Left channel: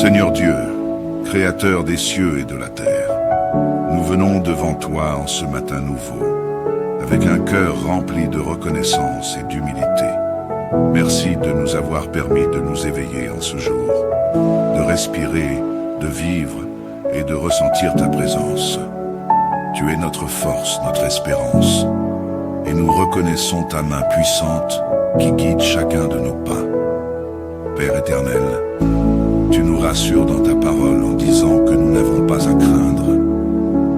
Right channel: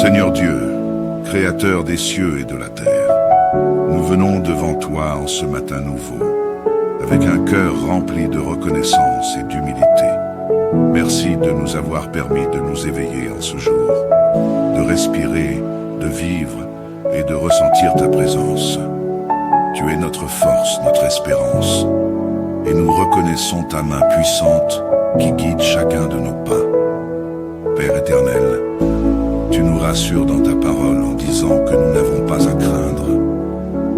Seigneur Dieu, Créateur des cieux et de la terre, nous venons devant toi en ce matin nouveau, avec un cœur rempli de reconnaissance et d'humilité. Merci de nous avoir permis de nous éveiller en ce jour, de respirer, de vivre et de ressentir ta présence. Tu es notre force, notre espérance, et nous reconnaissons ta main puissante qui guide chacun de nos pas. Père éternel, tu nous rassures dans ta parole en disant que nous n'avons pas à craindre,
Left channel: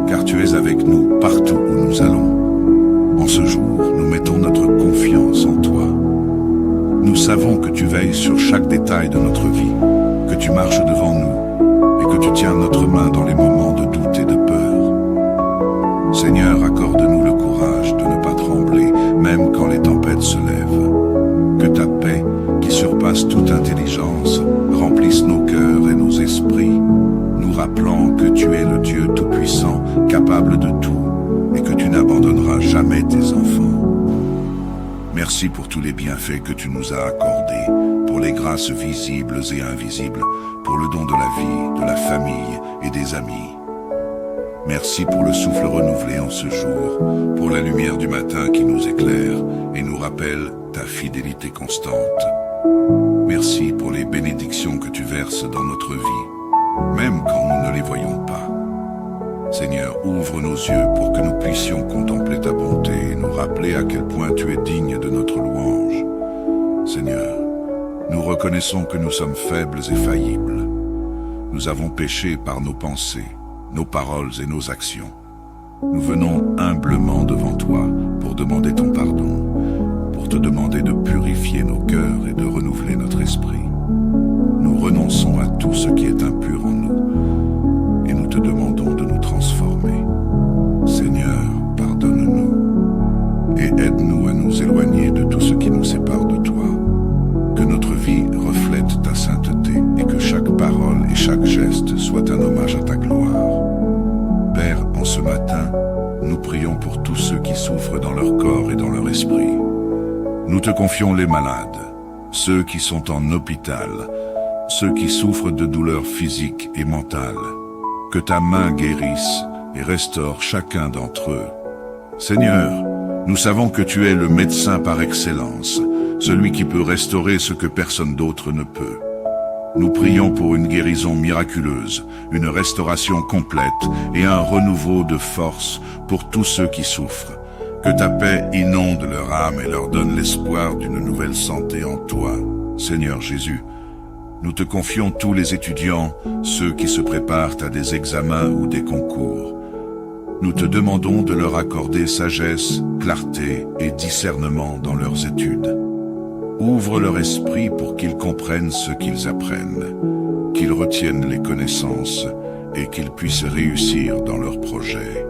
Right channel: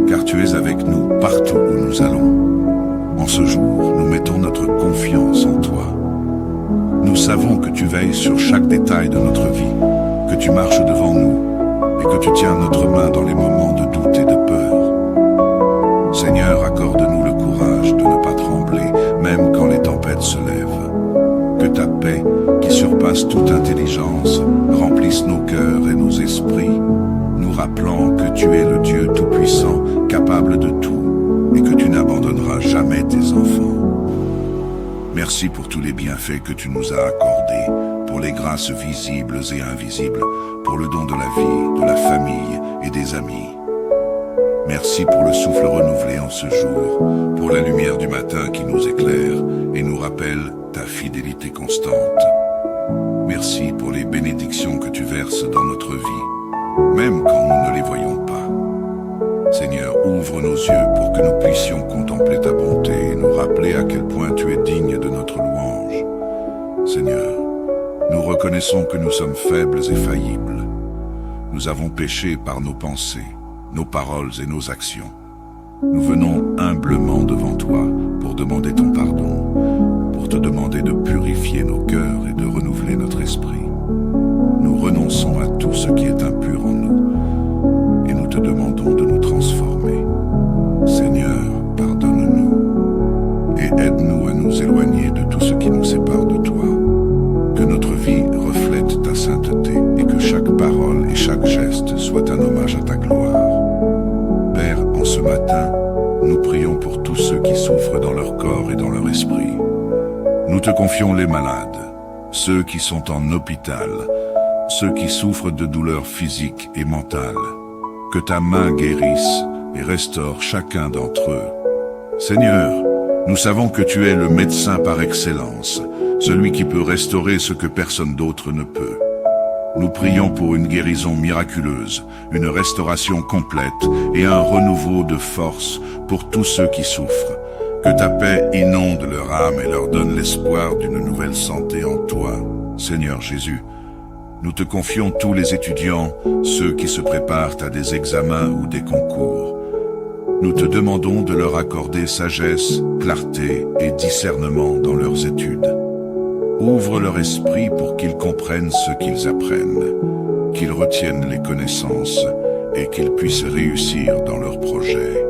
car tu es avec nous partout où nous allons. En ce jour, nous mettons notre confiance en toi. Nous savons que tu veilles sur chaque détail de notre vie, que tu marches devant nous et que tu tiens notre main dans les moments de doute et de peur. Seigneur, accorde-nous le courage de ne pas trembler, même quand les tempêtes se lèvent. Que ta paix, qui surpasse toute intelligence, remplisse nos cœurs et nos esprits, nous rappelant que tu es le Dieu Tout-Puissant, capable de tout, et que tu n'abandonneras jamais tes enfants. Merci pour tous les bienfaits que tu nous as accordés, pour les grâces visibles et invisibles, pour le don de la vie, de la famille et des amis. Merci pour le souffle renouvelé en ce jour, pour la lumière du matin qui nous éclaire et nous rappelle ta fidélité constante. Merci pour les bénédictions que tu verses dans notre vie, même quand nous ne les voyons pas. Seigneur, ouvre nos yeux pour que nous puissions contempler ta bonté et nous rappeler à quel point tu es digne de notre louange. Seigneur, nous reconnaissons que nous sommes faibles et faillibles. Nous avons péché par nos pensées, nos paroles et nos actions. Nous venons humblement devant toi pour demander ton pardon, pour te demander de purifier nos cœurs et de renouveler notre esprit. Nous renonçons à tout ce qui est impur en nous et nous te demandons de nous transformer. Seigneur, pardonne-nous et aide-nous à nous éloigner de tout ce qui nous sépare de toi. Que notre vie reflète ta sainteté et que chaque parole et chaque geste soit un hommage à ta gloire. Père, en ce matin, nous prions pour tous ceux qui souffrent dans leur corps et dans leur esprit. Nous te confions les malades, ceux qui sont en hôpital, ceux qui souffrent de douleurs physiques et mentales. Que ta main guérisse et restaure chacun d'entre eux. Seigneur, nous savons que tu es le médecin par excellence, celui qui peut restaurer ce que personne d'autre ne peut. Nous prions pour une guérison miraculeuse, une restauration complète et un renouveau de force pour tous ceux qui souffrent. Que ta paix inonde leur âme et leur donne l'espoir d'une nouvelle santé en toi. Seigneur Jésus, nous te confions tous les étudiants, ceux qui se préparent à des examens ou des concours. Nous te demandons de leur accorder sagesse, clarté et discernement dans leurs études. Ouvre leur esprit pour qu'ils comprennent ce qu'ils apprennent, qu'ils retiennent les connaissances et qu'ils puissent réussir dans leurs projets.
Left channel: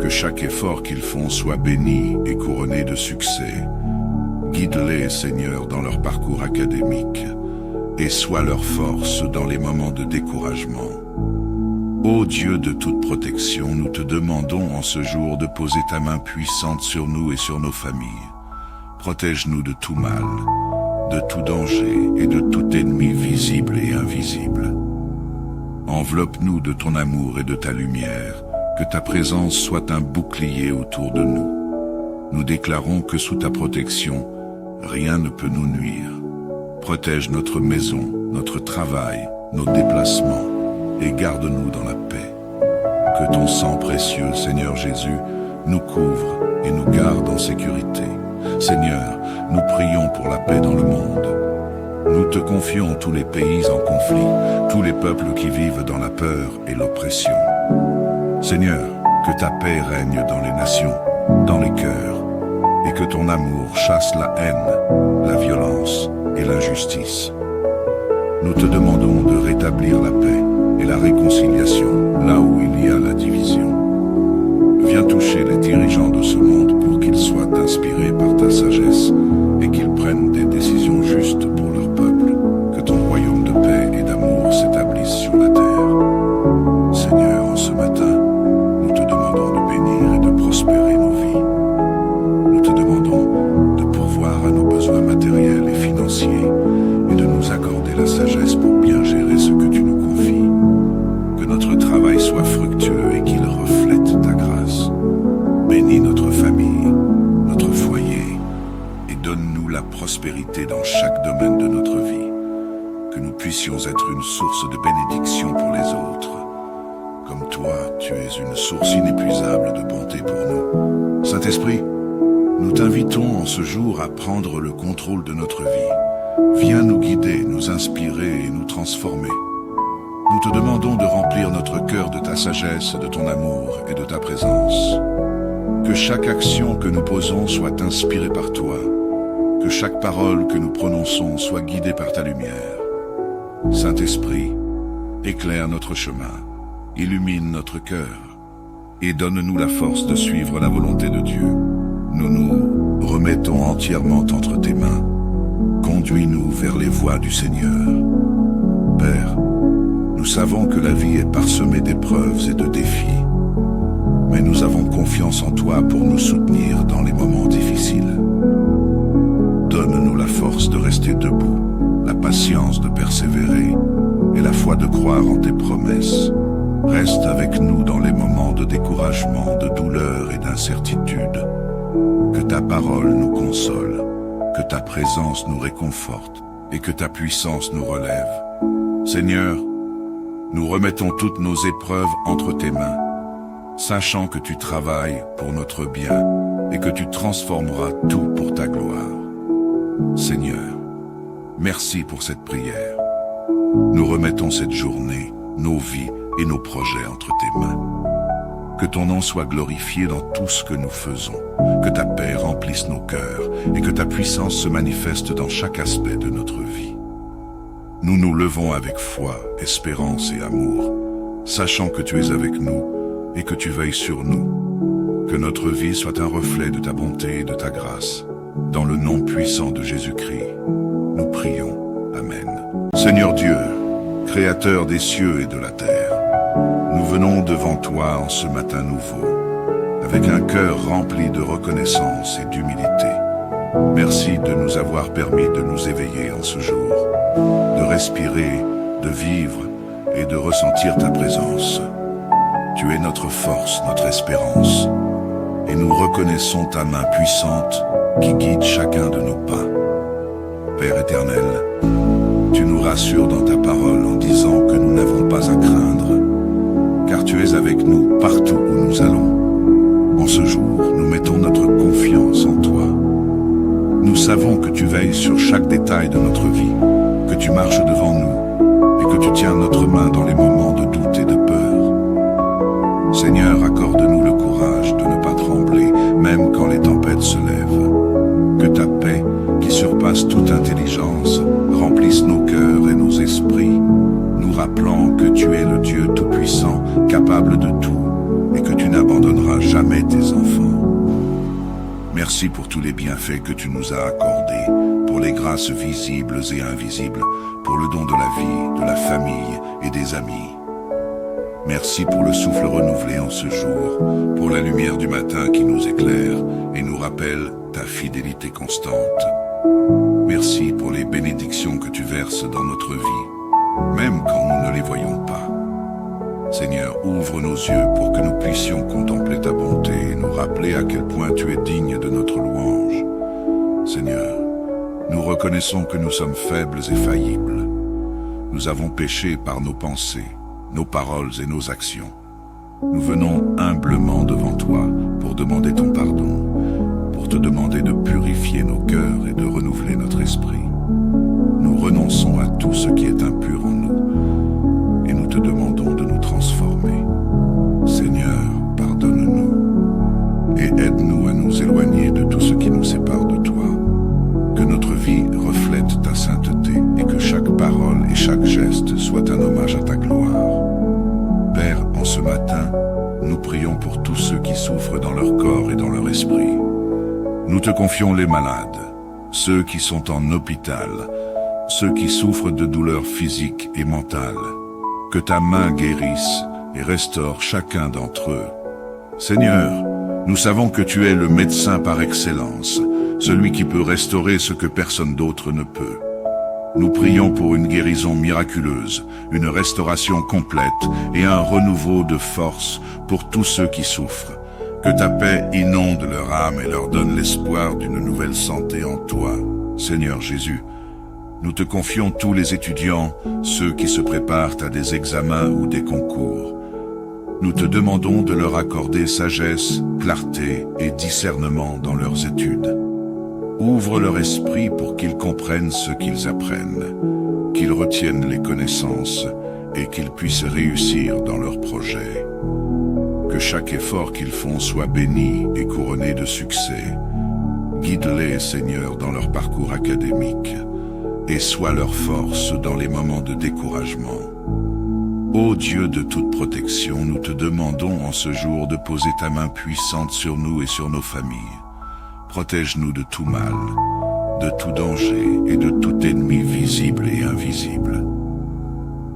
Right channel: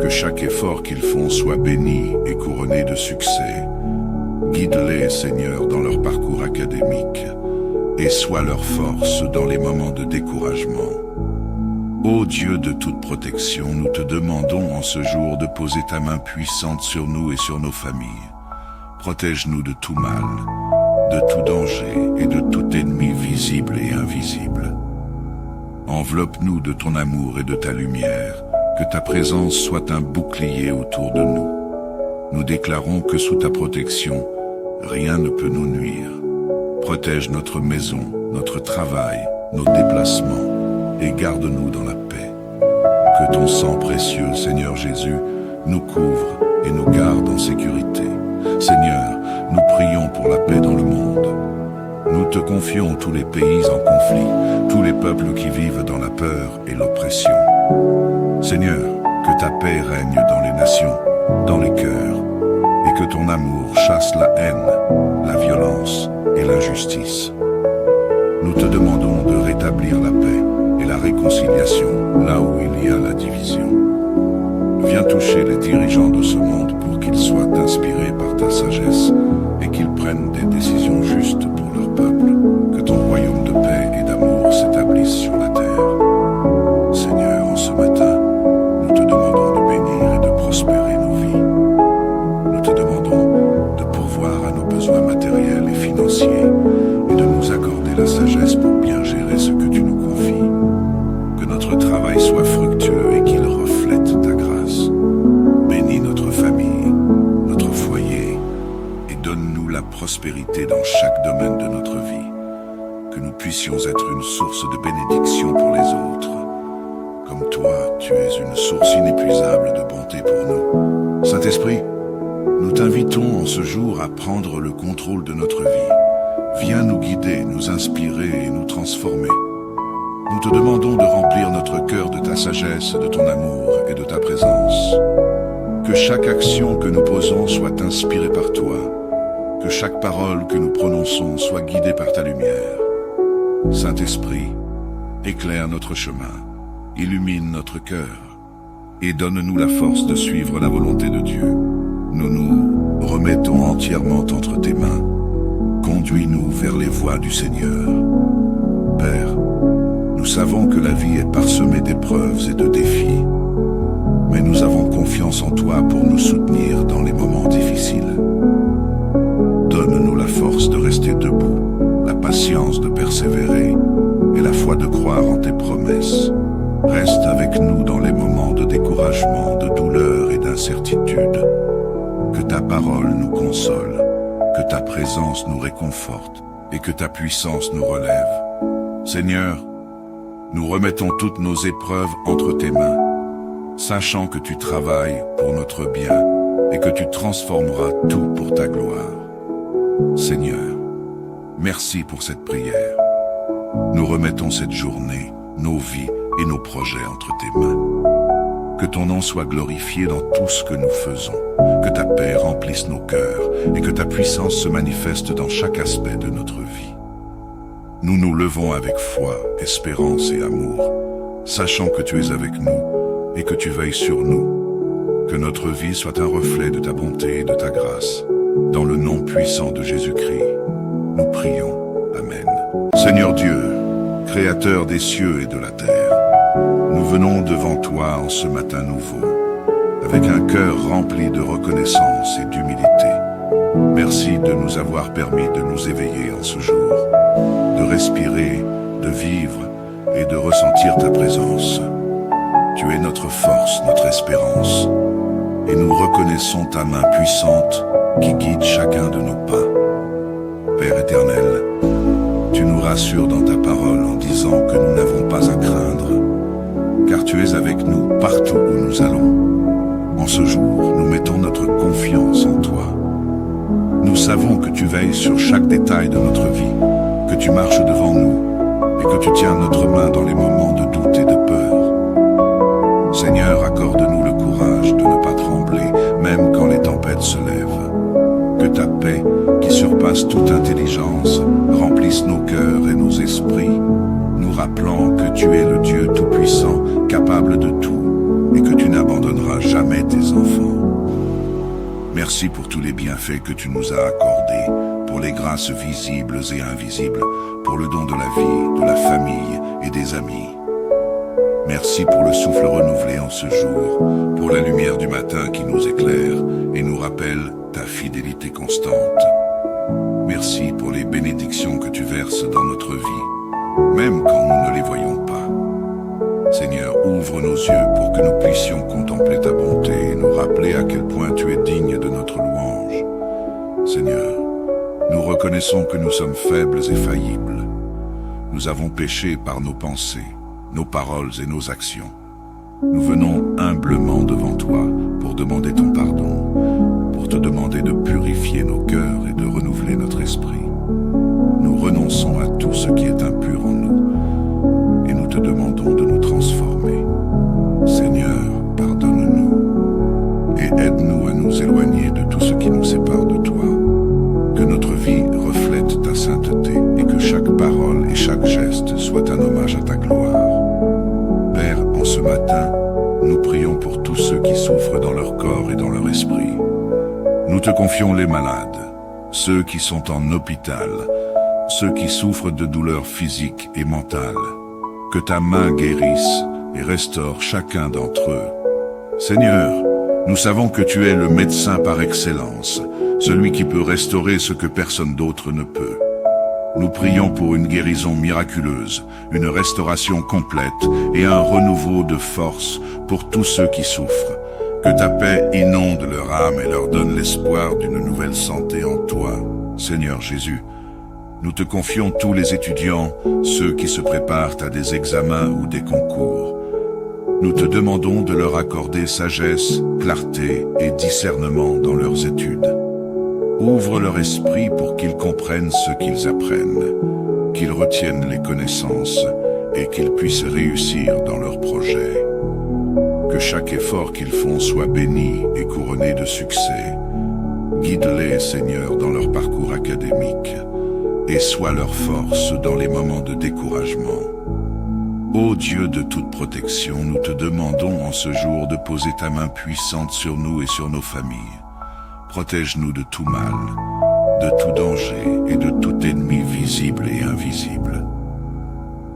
Que chaque effort qu'ils font soit béni et couronné de succès. Guide-les, Seigneur, dans leur parcours académique et sois leur force dans les moments de découragement. Ô Dieu de toute protection, nous te demandons en ce jour de poser ta main puissante sur nous et sur nos familles. Protège-nous de tout mal, de tout danger et de tout ennemi visible et invisible. Enveloppe-nous de ton amour et de ta lumière, que ta présence soit un bouclier autour de nous. Nous déclarons que sous ta protection, rien ne peut nous nuire. Protège notre maison, notre travail, nos déplacements et garde-nous dans la paix. Que ton sang précieux, Seigneur Jésus, nous couvre et nous garde en sécurité. Seigneur, nous prions pour la paix dans le monde. Nous te confions tous les pays en conflit, tous les peuples qui vivent dans la peur et l'oppression. Seigneur, que ta paix règne dans les nations, dans les cœurs, et que ton amour chasse la haine, la violence et l'injustice. Nous te demandons de rétablir la paix et la réconciliation là où il y a la division. Viens toucher les dirigeants de ce monde pour qu'ils soient inspirés par ta sagesse et qu'ils prennent des décisions justes pour leur peuple. Que ton royaume de paix et d'amour s'établisse sur la terre. Seigneur, en ce matin, nous te demandons de bénir et de prospérer nos vies. Nous te demandons de pourvoir à nos besoins matériels et financiers et de nous accorder la sagesse pour bien gérer ce que prospérité dans chaque domaine de notre vie, que nous puissions être une source de bénédiction pour les autres. Comme toi, tu es une source inépuisable de bonté pour nous. Saint-Esprit, nous t'invitons en ce jour à prendre le contrôle de notre vie. Viens nous guider, nous inspirer et nous transformer. Nous te demandons de remplir notre cœur de ta sagesse, de ton amour et de ta présence. Que chaque action que nous posons soit inspirée par toi. Que chaque parole que nous prononçons soit guidée par ta lumière. Saint-Esprit, éclaire notre chemin, illumine notre cœur et donne-nous la force de suivre la volonté de Dieu. Nous nous remettons entièrement entre tes mains. Conduis-nous vers les voies du Seigneur. Père, nous savons que la vie est parsemée d'épreuves et de défis, mais nous avons confiance en toi pour nous soutenir dans les moments difficiles. Donne-nous la force de rester debout, la patience de persévérer et la foi de croire en tes promesses. Reste avec nous dans les moments de découragement, de douleur et d'incertitude. Que ta parole nous console, que ta présence nous réconforte et que ta puissance nous relève. Seigneur, nous remettons toutes nos épreuves entre tes mains, sachant que tu travailles pour notre bien et que tu transformeras tout pour ta gloire. Seigneur, merci pour cette prière. Nous remettons cette journée, nos vies et nos projets entre tes mains. Que ton nom soit glorifié dans tout ce que nous faisons, que ta paix remplisse nos cœurs et que ta puissance se manifeste dans chaque aspect de notre vie. Nous nous levons avec foi, espérance et amour, sachant que tu es avec nous et que tu veilles sur nous. Que notre vie soit un reflet de ta bonté et de ta grâce. Dans le nom puissant de Jésus-Christ, nous prions. Amen. Seigneur Dieu, Créateur des cieux et de la terre, nous venons devant toi en ce matin nouveau, avec un cœur rempli de reconnaissance et d'humilité. Merci de nous avoir permis de nous éveiller en ce jour, de respirer, de vivre et de ressentir ta présence. Tu es notre force, notre espérance, et nous reconnaissons ta main puissante qui guide chacun de nos pas. Père éternel, tu nous rassures dans ta parole en disant que nous n'avons pas à craindre, car tu es avec nous partout où nous allons. En ce jour, nous mettons notre confiance en toi. Nous savons que tu veilles sur chaque détail de notre vie, que tu marches devant nous et que tu tiens notre main dans les moments de doute et de peur. Seigneur, accorde-nous le courage de ne pas trembler, même quand les tempêtes se lèvent. Que ta paix, qui surpasse toute intelligence, remplisse nos cœurs et nos esprits, nous rappelant que tu es le Dieu Tout-Puissant, capable de tout, et que tu n'abandonneras jamais tes enfants. Merci pour tous les bienfaits que tu nous as accordés, pour les grâces visibles et invisibles, pour le don de la vie, de la famille et des amis. Merci pour le souffle renouvelé en ce jour, pour la lumière du matin qui nous éclaire et nous rappelle ta fidélité constante. Merci pour les bénédictions que tu verses dans notre vie, même quand nous ne les voyons pas. Seigneur, ouvre nos yeux pour que nous puissions contempler ta bonté et nous rappeler à quel point tu es digne de notre louange. Seigneur, nous reconnaissons que nous sommes faibles et faillibles. Nous avons péché par nos pensées, nos paroles et nos actions. Nous venons humblement devant toi pour demander ton pardon, pour te demander de purifier nos cœurs et de renouveler notre esprit. Nous renonçons à tout ce qui est impur en nous et nous te demandons de nous transformer. Seigneur, pardonne-nous et aide-nous à nous éloigner de tout ce qui nous sépare de toi. Que notre vie reflète ta sainteté et que chaque parole et chaque geste soit un hommage à ta gloire. Père, en ce matin, nous prions pour tous ceux qui souffrent dans leur corps et dans leur esprit. Nous te confions les malades, ceux qui sont en hôpital, ceux qui souffrent de douleurs physiques et mentales. Que ta main guérisse et restaure chacun d'entre eux. Seigneur, nous savons que tu es le médecin par excellence, celui qui peut restaurer ce que personne d'autre ne peut. Nous prions pour une guérison miraculeuse, une restauration complète et un renouveau de force pour tous ceux qui souffrent. Que ta paix inonde leur âme et leur donne l'espoir d'une nouvelle santé en toi. Seigneur Jésus, nous te confions tous les étudiants, ceux qui se préparent à des examens ou des concours. Nous te demandons de leur accorder sagesse, clarté et discernement dans leurs études. Ouvre leur esprit pour qu'ils comprennent ce qu'ils apprennent, qu'ils retiennent les connaissances et qu'ils puissent réussir dans leurs projets. Que chaque effort qu'ils font soit béni et couronné de succès. Guide-les, Seigneur, dans leur parcours académique et sois leur force dans les moments de découragement. Ô Dieu de toute protection, nous te demandons en ce jour de poser ta main puissante sur nous et sur nos familles. Protège-nous de tout mal, de tout danger et de tout ennemi visible et invisible.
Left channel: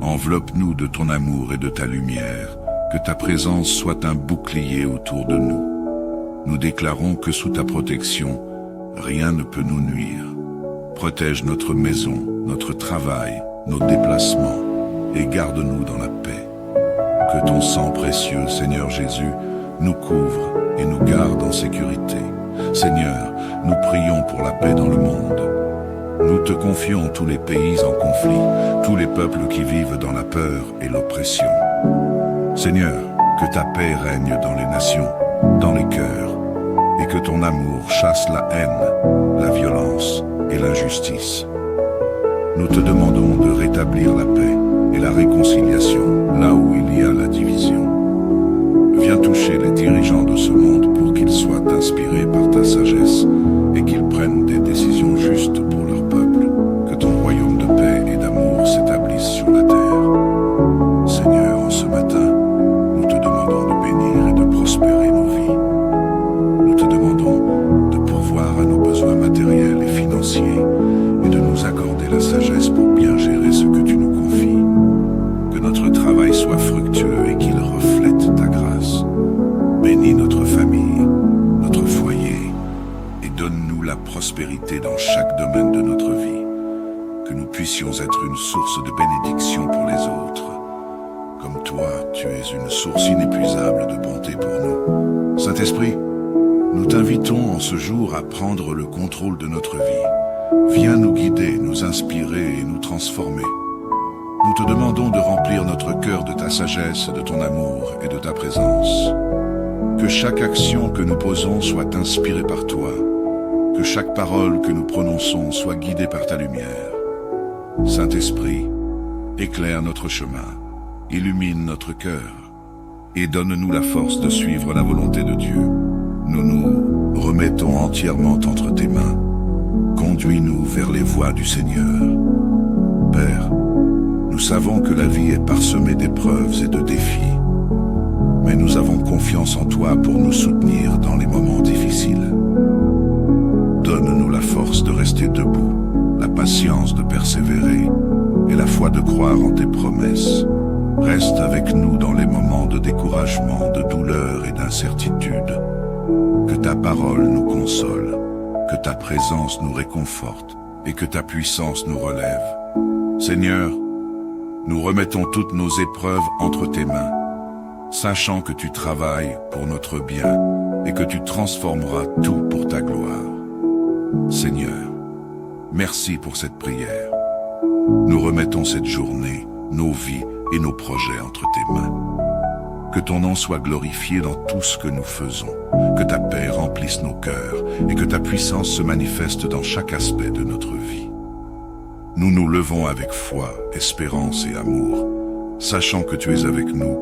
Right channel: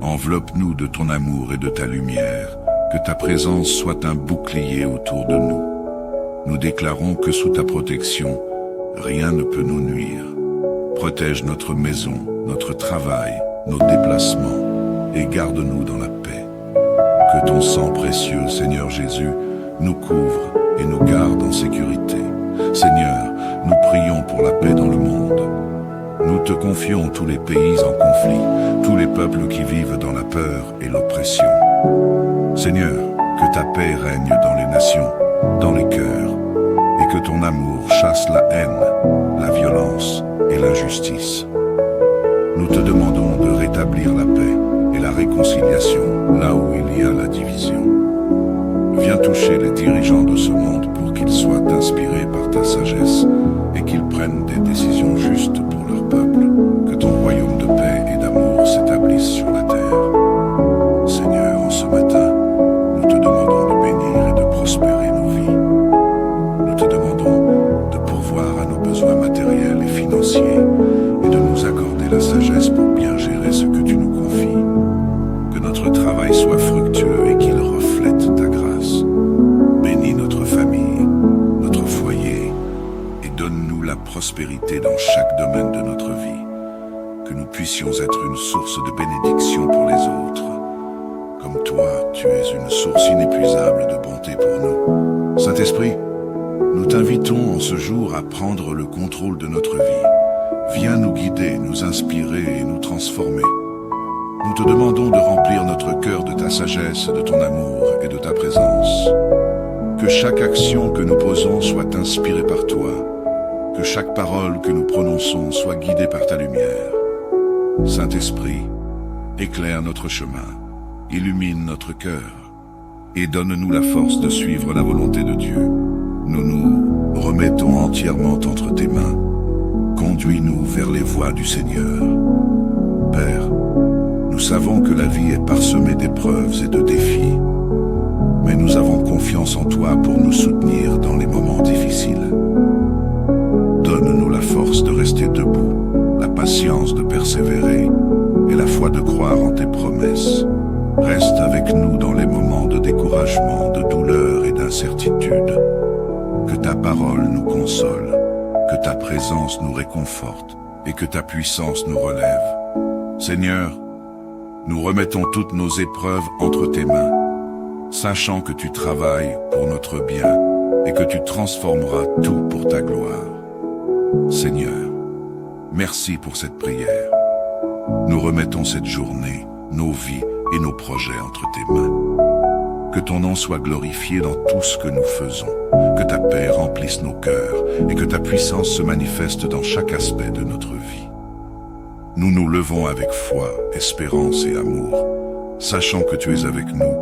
Enveloppe-nous de ton amour et de ta lumière, que ta présence soit un bouclier autour de nous. Nous déclarons que sous ta protection, rien ne peut nous nuire. Protège notre maison, notre travail, nos déplacements, et garde-nous dans la paix. Que ton sang précieux, Seigneur Jésus, nous couvre et nous garde en sécurité. Seigneur, nous prions pour la paix dans le monde. Nous te confions tous les pays en conflit, tous les peuples qui vivent dans la peur et l'oppression. Seigneur, que ta paix règne dans les nations, dans les cœurs, et que ton amour chasse la haine, la violence et l'injustice. Nous te demandons de rétablir la paix et la réconciliation là où il y a la division. Viens toucher les dirigeants de ce monde pour qu'ils soient inspirés par ta sagesse et qu'ils prennent des décisions justes pour leur peuple. Que ton royaume de paix et d'amour s'établisse sur la terre. Seigneur, en ce matin, nous te demandons de bénir et de prospérer nos vies. Nous te demandons de pourvoir à nos besoins matériels et financiers et de nous accorder la sagesse pour bien gérer ce que tu nous confies. Que notre travail soit fructueux et qu'il reflète ta grâce. Bénis notre famille, notre foyer et donne-nous la prospérité dans chaque domaine de notre vie. Que nous puissions être une source de bénédiction pour les autres. Comme toi, tu es une source inépuisable de bonté pour nous. Saint-Esprit, nous t'invitons en ce jour à prendre le contrôle de notre vie. Viens nous guider, nous inspirer et nous transformer. Nous te demandons de remplir notre cœur de ta sagesse, de ton amour et de ta présence. Que chaque action que nous posons soit inspirée par toi. Que chaque parole que nous prononçons soit guidée par ta lumière. Saint-Esprit, éclaire notre chemin, illumine notre cœur et donne-nous la force de suivre la volonté de Dieu. Nous nous remettons entièrement entre tes mains. Conduis-nous vers les voies du Seigneur. Père, nous savons que la vie est parsemée d'épreuves et de défis, mais nous avons confiance en toi pour nous soutenir dans les moments difficiles. Donne-nous la force de rester debout, la patience de persévérer et la foi de croire en tes promesses. Reste avec nous dans les moments de découragement, de douleur et d'incertitude. Que ta parole nous console, que ta présence nous réconforte et que ta puissance nous relève. Seigneur, nous remettons toutes nos épreuves entre tes mains, sachant que tu travailles pour notre bien et que tu transformeras tout pour ta gloire. Seigneur, merci pour cette prière. Nous remettons cette journée, nos vies et nos projets entre tes mains. Que ton nom soit glorifié dans tout ce que nous faisons, que ta paix remplisse nos cœurs et que ta puissance se manifeste dans chaque aspect de notre vie. Nous nous levons avec foi, espérance et amour, sachant que tu es avec nous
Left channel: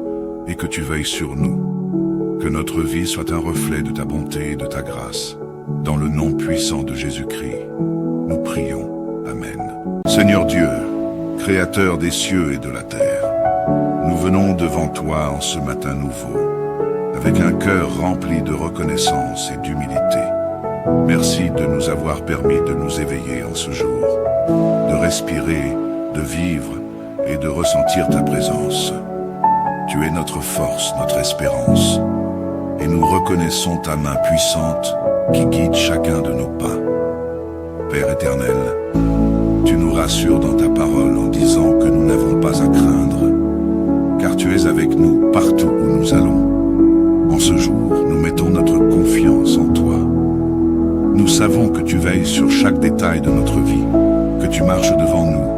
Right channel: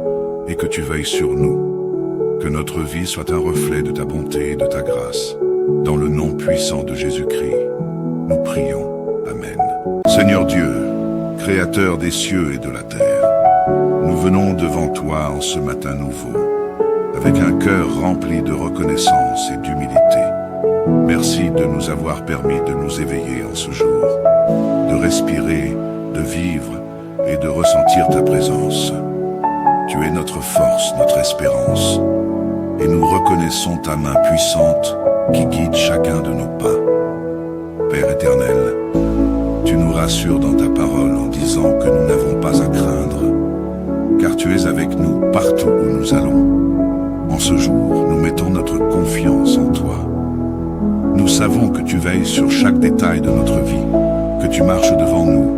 et que tu veilles sur nous. Que notre vie soit un reflet de ta bonté et de ta grâce. Dans le nom puissant de Jésus-Christ, nous prions. Amen. Seigneur Dieu, Créateur des cieux et de la terre, nous venons devant toi en ce matin nouveau, avec un cœur rempli de reconnaissance et d'humilité. Merci de nous avoir permis de nous éveiller en ce jour, de respirer, de vivre et de ressentir ta présence. Tu es notre force, notre espérance, et nous reconnaissons ta main puissante qui guide chacun de nos pas. Père éternel, tu nous rassures dans ta parole en disant que nous n'avons pas à craindre, car tu es avec nous partout où nous allons. En ce jour, nous mettons notre confiance en toi. Nous savons que tu veilles sur chaque détail de notre vie, que tu marches devant nous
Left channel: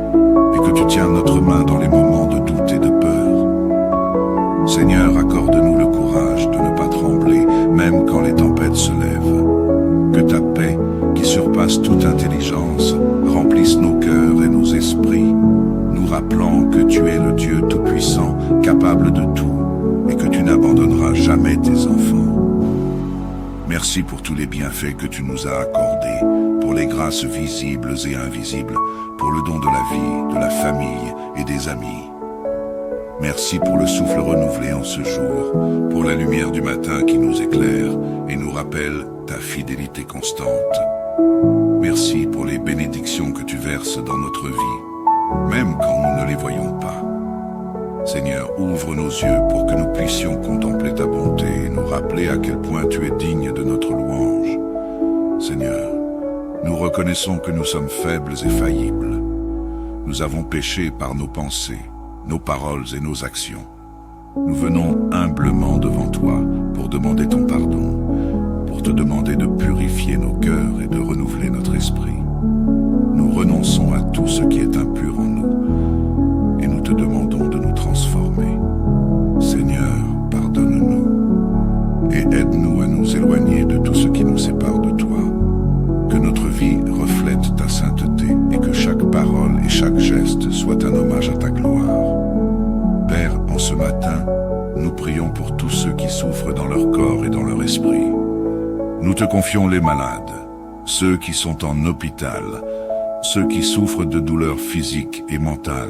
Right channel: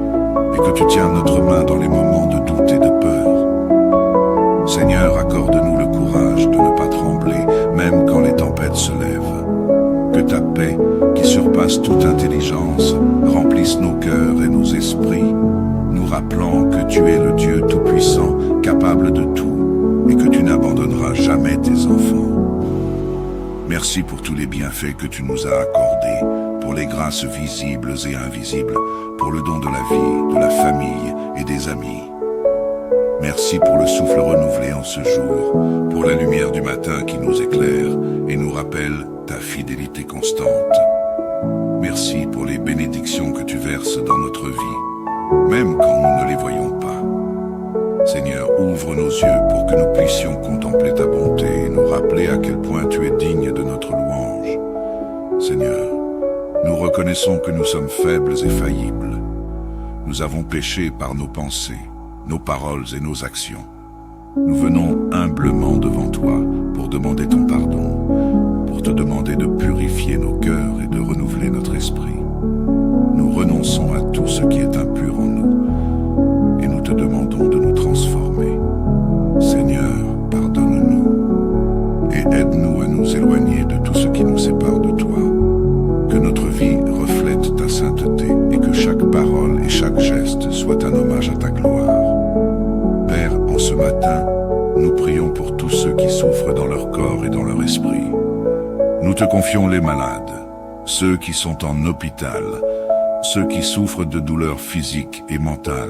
et que tu tiens notre main dans les moments de doute et de peur. Seigneur, accorde-nous le courage de ne pas trembler, même quand les tempêtes se lèvent. Que ta paix, qui surpasse toute intelligence, remplisse nos cœurs et nos esprits, nous rappelant que tu es le Dieu Tout-Puissant, capable de tout, et que tu n'abandonneras jamais tes enfants. Merci pour tous les bienfaits que tu nous as accordés, pour les grâces visibles et invisibles, pour le don de la vie, de la famille et des amis. Merci pour le souffle renouvelé en ce jour, pour la lumière du matin qui nous éclaire et nous rappelle ta fidélité constante. Merci pour les bénédictions que tu verses dans notre vie, même quand nous ne les voyons pas. Seigneur, ouvre nos yeux pour que nous puissions contempler ta bonté et nous rappeler à quel point tu es digne de notre louange. Seigneur, nous reconnaissons que nous sommes faibles et faillibles. Nous avons péché par nos pensées, nos paroles et nos actions. Nous venons humblement devant toi pour demander ton pardon, pour te demander de purifier nos cœurs et de renouveler notre esprit. Nous renonçons à tout ce qui est impur en nous et nous te demandons de nous transformer. Seigneur, pardonne-nous et aide-nous à nous éloigner de tout ce qui nous sépare de toi. Que notre vie reflète ta sainteté et que chaque parole et chaque geste soit un hommage à ta gloire. Père, en ce matin, nous prions pour tous ceux qui souffrent dans leur corps et dans leur esprit. Nous te confions les malades, ceux qui sont en hôpital, ceux qui souffrent de douleurs physiques et mentales.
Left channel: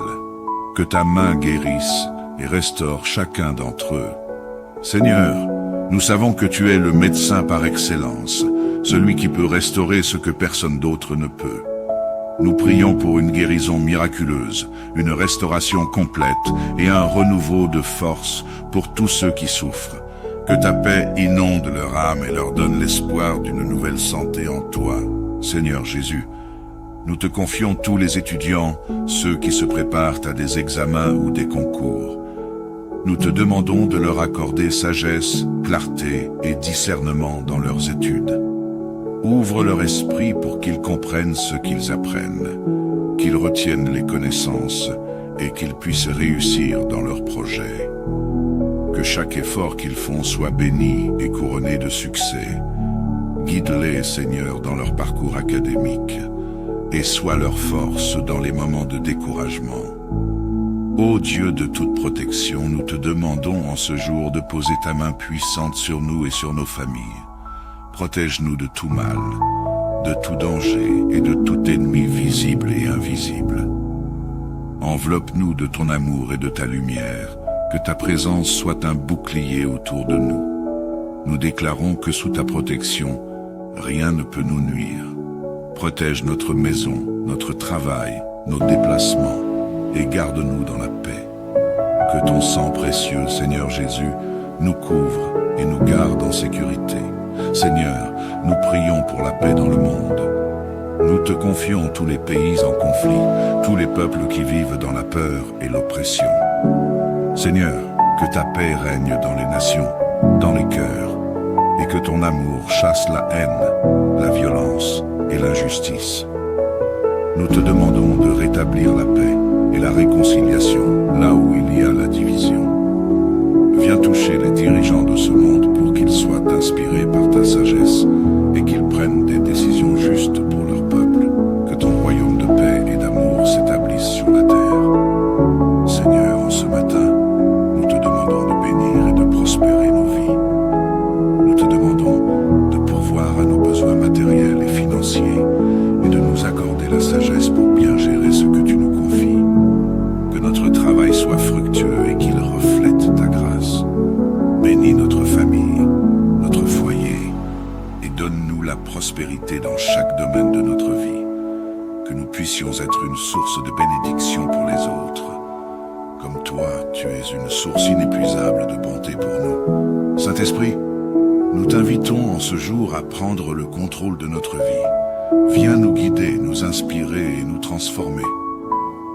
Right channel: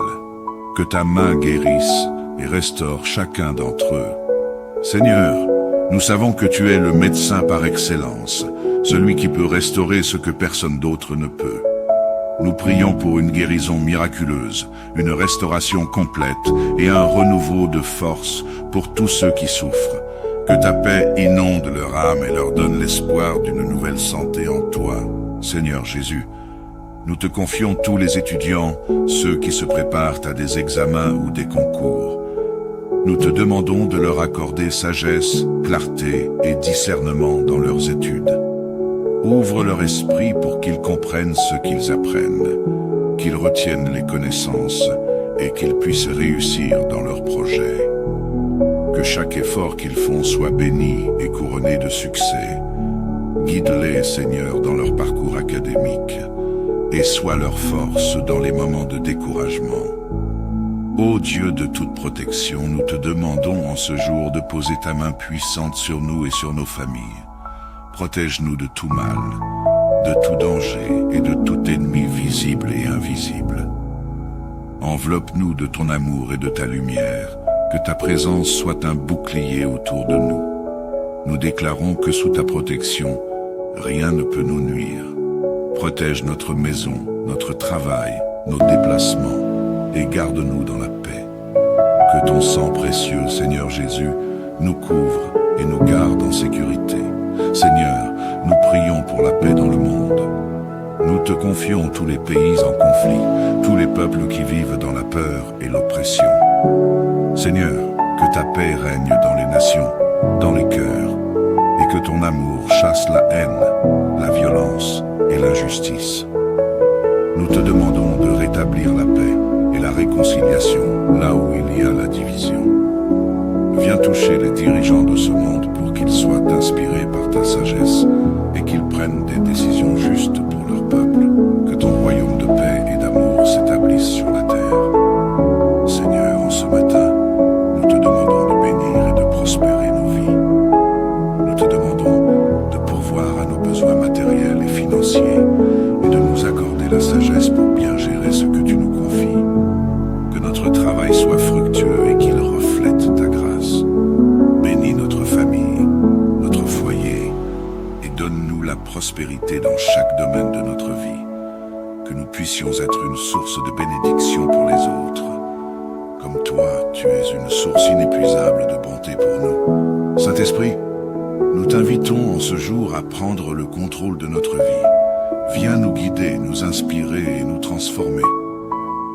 Que ta main guérisse et restaure chacun d'entre eux. Seigneur, nous savons que tu es le médecin par excellence, celui qui peut restaurer ce que personne d'autre ne peut. Nous prions pour une guérison miraculeuse, une restauration complète et un renouveau de force pour tous ceux qui souffrent. Que ta paix inonde leur âme et leur donne l'espoir d'une nouvelle santé en toi. Seigneur Jésus, nous te confions tous les étudiants, ceux qui se préparent à des examens ou des concours. Nous te demandons de leur accorder sagesse, clarté et discernement dans leurs études. Ouvre leur esprit pour qu'ils comprennent ce qu'ils apprennent, qu'ils retiennent les connaissances et qu'ils puissent réussir dans leurs projets. Que chaque effort qu'ils font soit béni et couronné de succès. Guide-les, Seigneur, dans leur parcours académique et sois leur force dans les moments de découragement. Ô Dieu de toute protection, nous te demandons en ce jour de poser ta main puissante sur nous et sur nos familles. Protège-nous de tout mal, de tout danger et de tout ennemi visible et invisible. Enveloppe-nous de ton amour et de ta lumière, que ta présence soit un bouclier autour de nous. Nous déclarons que sous ta protection, rien ne peut nous nuire. Protège notre maison, notre travail, nos déplacements et garde-nous dans la paix. Que ton sang précieux, Seigneur Jésus, nous couvre et nous garde en sécurité. Seigneur, nous prions pour la paix dans le monde. Nous te confions tous les pays en conflit, tous les peuples qui vivent dans la peur et l'oppression. Seigneur, que ta paix règne dans les nations, dans les cœurs, et que ton amour chasse la haine, la violence et l'injustice. Nous te demandons de rétablir la paix et la réconciliation là où il y a la division. Viens toucher les dirigeants de ce monde pour qu'ils soient inspirés par ta sagesse et qu'ils prennent des décisions justes pour leur peuple. Que ton royaume de paix et d'amour s'établisse sur la terre. Seigneur, en ce matin, nous te demandons de bénir et de prospérer nos vies. Nous te demandons de pourvoir à nos besoins matériels et financiers et de nous accorder la sagesse pour bien gérer ce que tu nous confies. Que notre travail soit fructueux et qu'il reflète ta grâce. Bénis notre famille, notre foyer et donne-nous la prospérité dans chaque domaine de notre vie. Que nous puissions être une source de bénédiction pour les autres. Comme toi, tu es une source inépuisable de bonté pour nous. Saint-Esprit, nous t'invitons en ce jour à prendre le contrôle de notre vie. Viens nous guider, nous inspirer et nous transformer.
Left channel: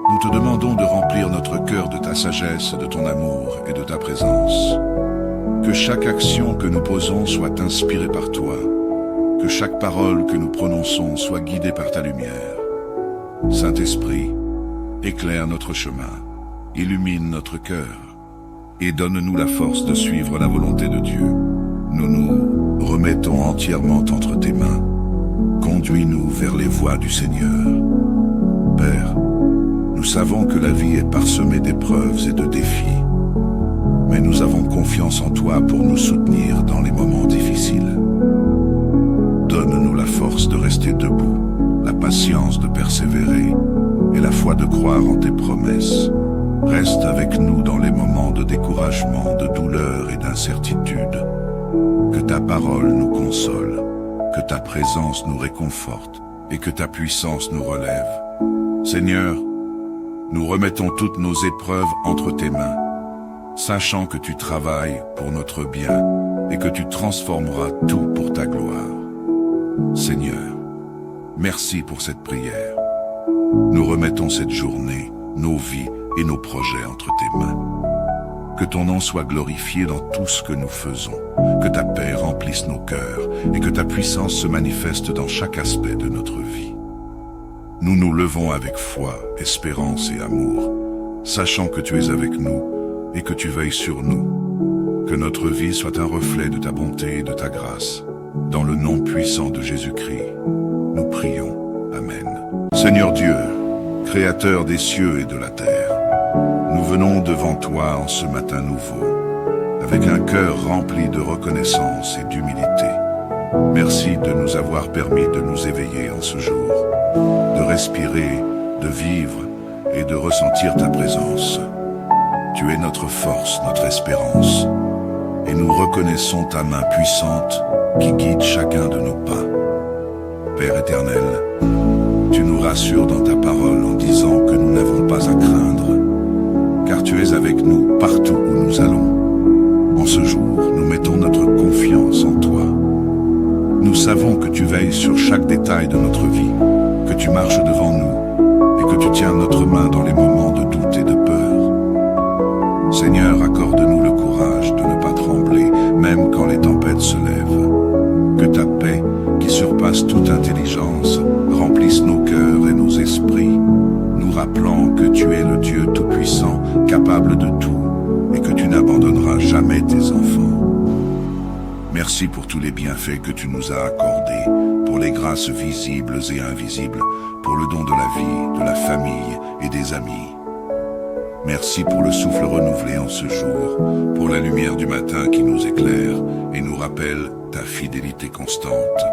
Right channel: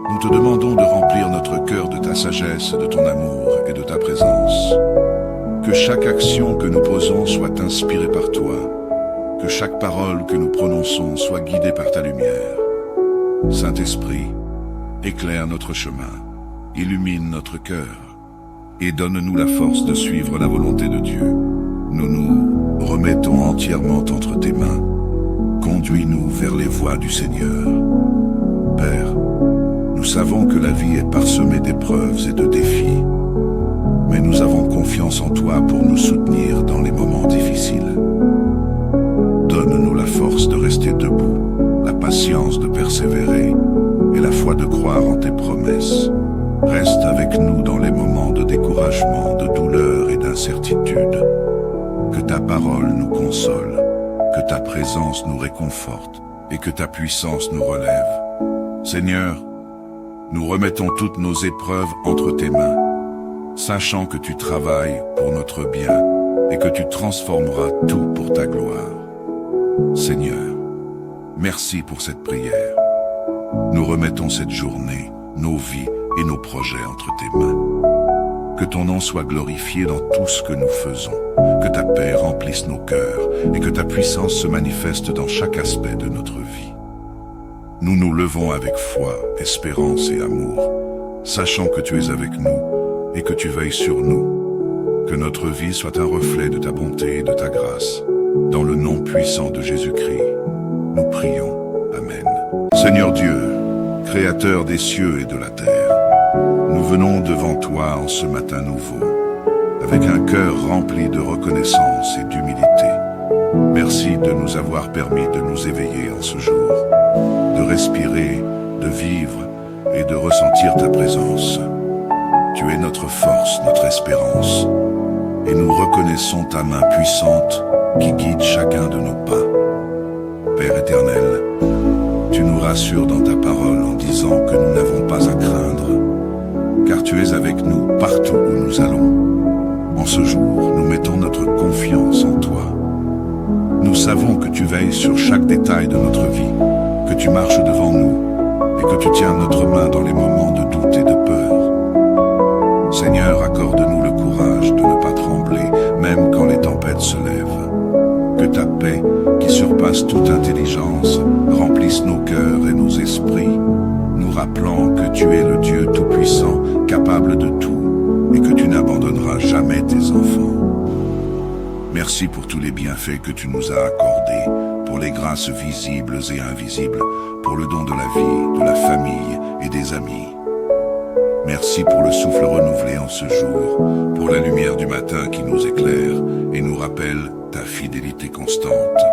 Nous te demandons de remplir notre cœur de ta sagesse, de ton amour et de ta présence. Que chaque action que nous posons soit inspirée par toi. que chaque parole que nous prononçons soit guidée par ta lumière. Saint-Esprit, éclaire notre chemin, illumine notre cœur et donne-nous la force de suivre la volonté de Dieu. Nous nous remettons entièrement entre tes mains. Conduis-nous vers les voies du Seigneur. Père, nous savons que la vie est parsemée d'épreuves et de défis, mais nous avons confiance en toi pour nous soutenir dans les moments difficiles. Donne-nous la force de rester debout, la patience de persévérer et la foi de croire en tes promesses. Reste avec nous dans les moments de découragement, de douleur et d'incertitude. Que ta parole nous console, que ta présence nous réconforte et que ta puissance nous relève. Seigneur, nous remettons toutes nos épreuves entre tes mains, sachant que tu travailles pour notre bien et que tu transformeras tout pour ta gloire. Seigneur, merci pour cette prière. Nous remettons cette journée, nos vies et nos projets entre tes mains. Que ton nom soit glorifié dans tout ce que nous faisons, que ta paix remplisse nos cœurs et que ta puissance se manifeste dans chaque aspect de notre vie. Nous nous levons avec foi, espérance et amour, sachant que tu es avec nous et que tu veilles sur nous. Que notre vie soit un reflet de ta bonté et de ta grâce. Dans le nom puissant de Jésus-Christ, nous prions. Amen. Seigneur Dieu, Créateur des cieux et de la terre, nous venons devant toi en ce matin nouveau, avec un cœur rempli de reconnaissance et d'humilité. Merci de nous avoir permis de nous éveiller en ce jour, de respirer, de vivre et de ressentir ta présence. Tu es notre force, notre espérance, et nous reconnaissons ta main puissante qui guide chacun de nos pas. Père éternel, tu nous rassures dans ta parole en disant que nous n'avons pas à craindre, car tu es avec nous partout où nous allons. En ce jour, nous mettons notre confiance en toi. Nous savons que tu veilles sur chaque détail de notre vie, que tu marches devant nous et que tu tiens notre main dans les moments de doute et de peur. Seigneur, accorde-nous le courage de ne pas trembler, même quand les tempêtes se lèvent. Que ta paix, qui surpasse toute intelligence, remplisse nos cœurs et nos esprits, nous rappelant que tu es le Dieu Tout-Puissant, capable de tout, et que tu n'abandonneras jamais tes enfants. Merci pour tous les bienfaits que tu nous as accordés, pour les grâces visibles et invisibles, pour le don de la vie, de la famille et des amis. Merci pour le souffle renouvelé en ce jour, pour la lumière du matin qui nous éclaire et nous rappelle ta fidélité constante.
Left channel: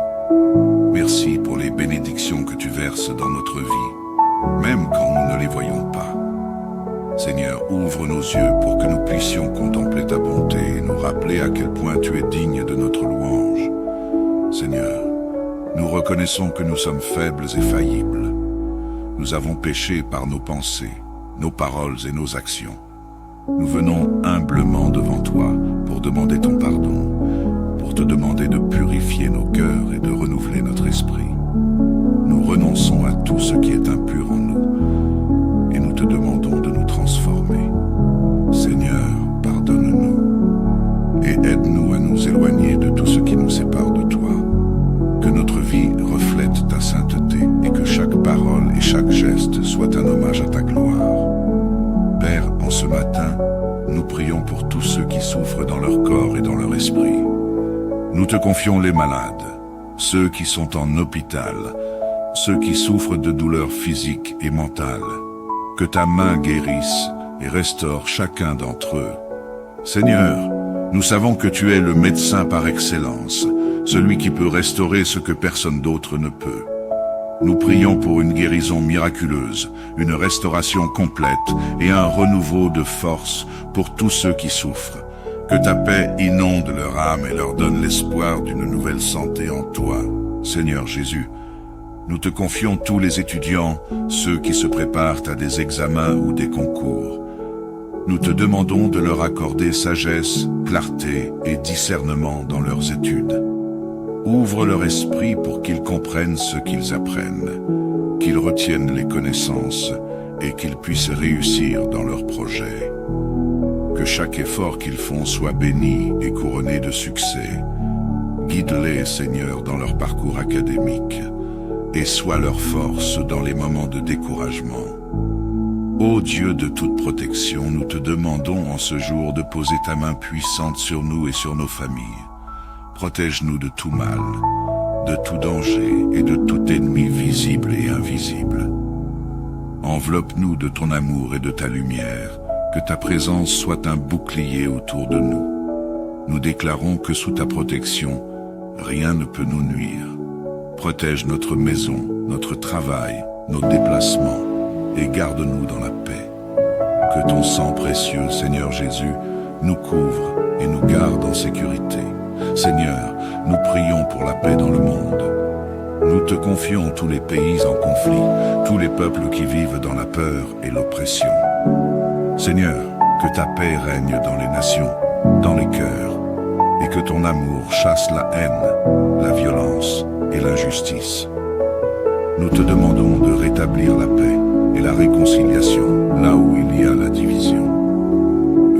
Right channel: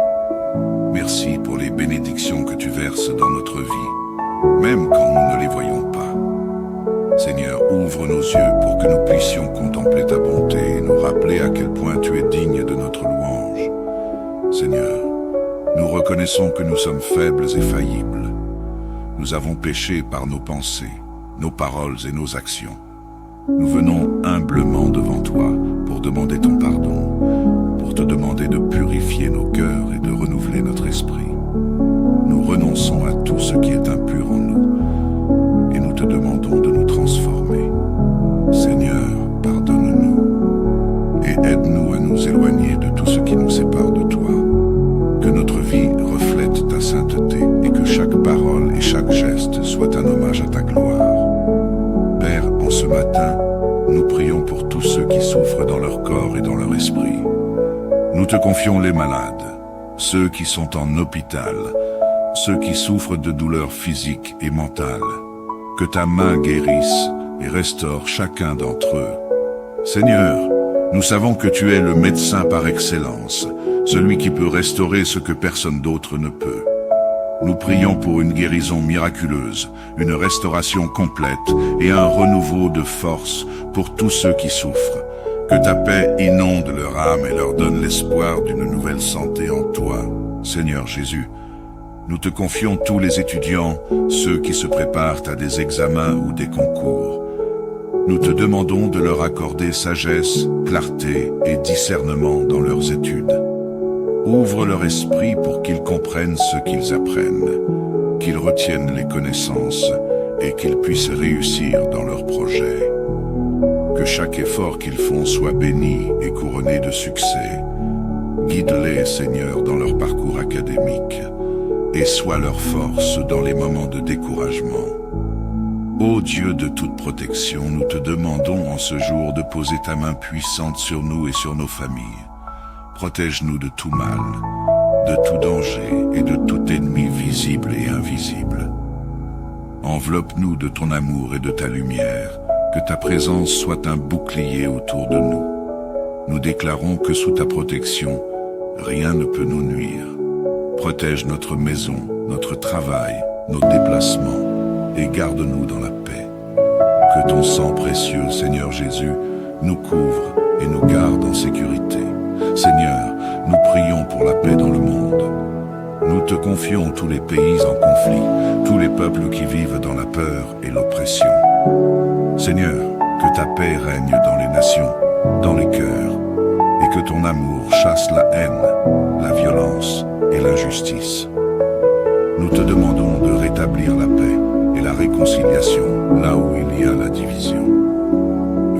Merci pour les bénédictions que tu verses dans notre vie, même quand nous ne les voyons pas. Seigneur, ouvre nos yeux pour que nous puissions contempler ta bonté et nous rappeler à quel point tu es digne de notre louange. Seigneur, nous reconnaissons que nous sommes faibles et faillibles. Nous avons péché par nos pensées, nos paroles et nos actions. Nous venons humblement devant toi pour demander ton pardon, pour te demander de purifier nos cœurs et de renouveler notre esprit. Nous renonçons à tout ce qui est impur en nous et nous te demandons de nous transformer. Seigneur, pardonne-nous et aide-nous à nous éloigner de tout ce qui nous sépare de toi. Que notre vie reflète ta sainteté et que chaque parole et chaque geste soit un hommage à ta gloire. Père, en ce matin, nous prions pour tous ceux qui souffrent dans leur corps et dans leur esprit. Nous te confions les malades, ceux qui sont en hôpital, ceux qui souffrent de douleurs physiques et mentales. Que ta main guérisse et restaure chacun d'entre eux. Seigneur, nous savons que tu es le médecin par excellence, celui qui peut restaurer ce que personne d'autre ne peut. Nous prions pour une guérison miraculeuse, une restauration complète et un renouveau de force pour tous ceux qui souffrent. Que ta paix inonde leur âme et leur donne l'espoir d'une nouvelle santé en toi. Seigneur Jésus, nous te confions tous les étudiants, ceux qui se préparent à des examens ou des concours. Nous te demandons de leur accorder sagesse, clarté et discernement dans leurs études. Ouvre leur esprit pour qu'ils comprennent ce qu'ils apprennent, qu'ils retiennent les connaissances et qu'ils puissent réussir dans leurs projets. Que chaque effort qu'ils font soit béni et couronné de succès. Guide-les, Seigneur, dans leur parcours académique et sois leur force dans les moments de découragement. Ô Dieu de toute protection, nous te demandons en ce jour de poser ta main puissante sur nous et sur nos familles. Protège-nous de tout mal, de tout danger et de tout ennemi visible et invisible. Enveloppe-nous de ton amour et de ta lumière, que ta présence soit un bouclier autour de nous. Nous déclarons que sous ta protection, rien ne peut nous nuire. Protège notre maison, notre travail, nos déplacements, et garde-nous dans la paix. Que ton sang précieux, Seigneur Jésus, nous couvre et nous garde en sécurité. Seigneur, nous prions pour la paix dans le monde. Nous te confions tous les pays en conflit, tous les peuples qui vivent dans la peur et l'oppression. Seigneur, que ta paix règne dans les nations, dans les cœurs, et que ton amour chasse la haine, la violence et l'injustice. Nous te demandons de rétablir la paix et la réconciliation là où il y a la division.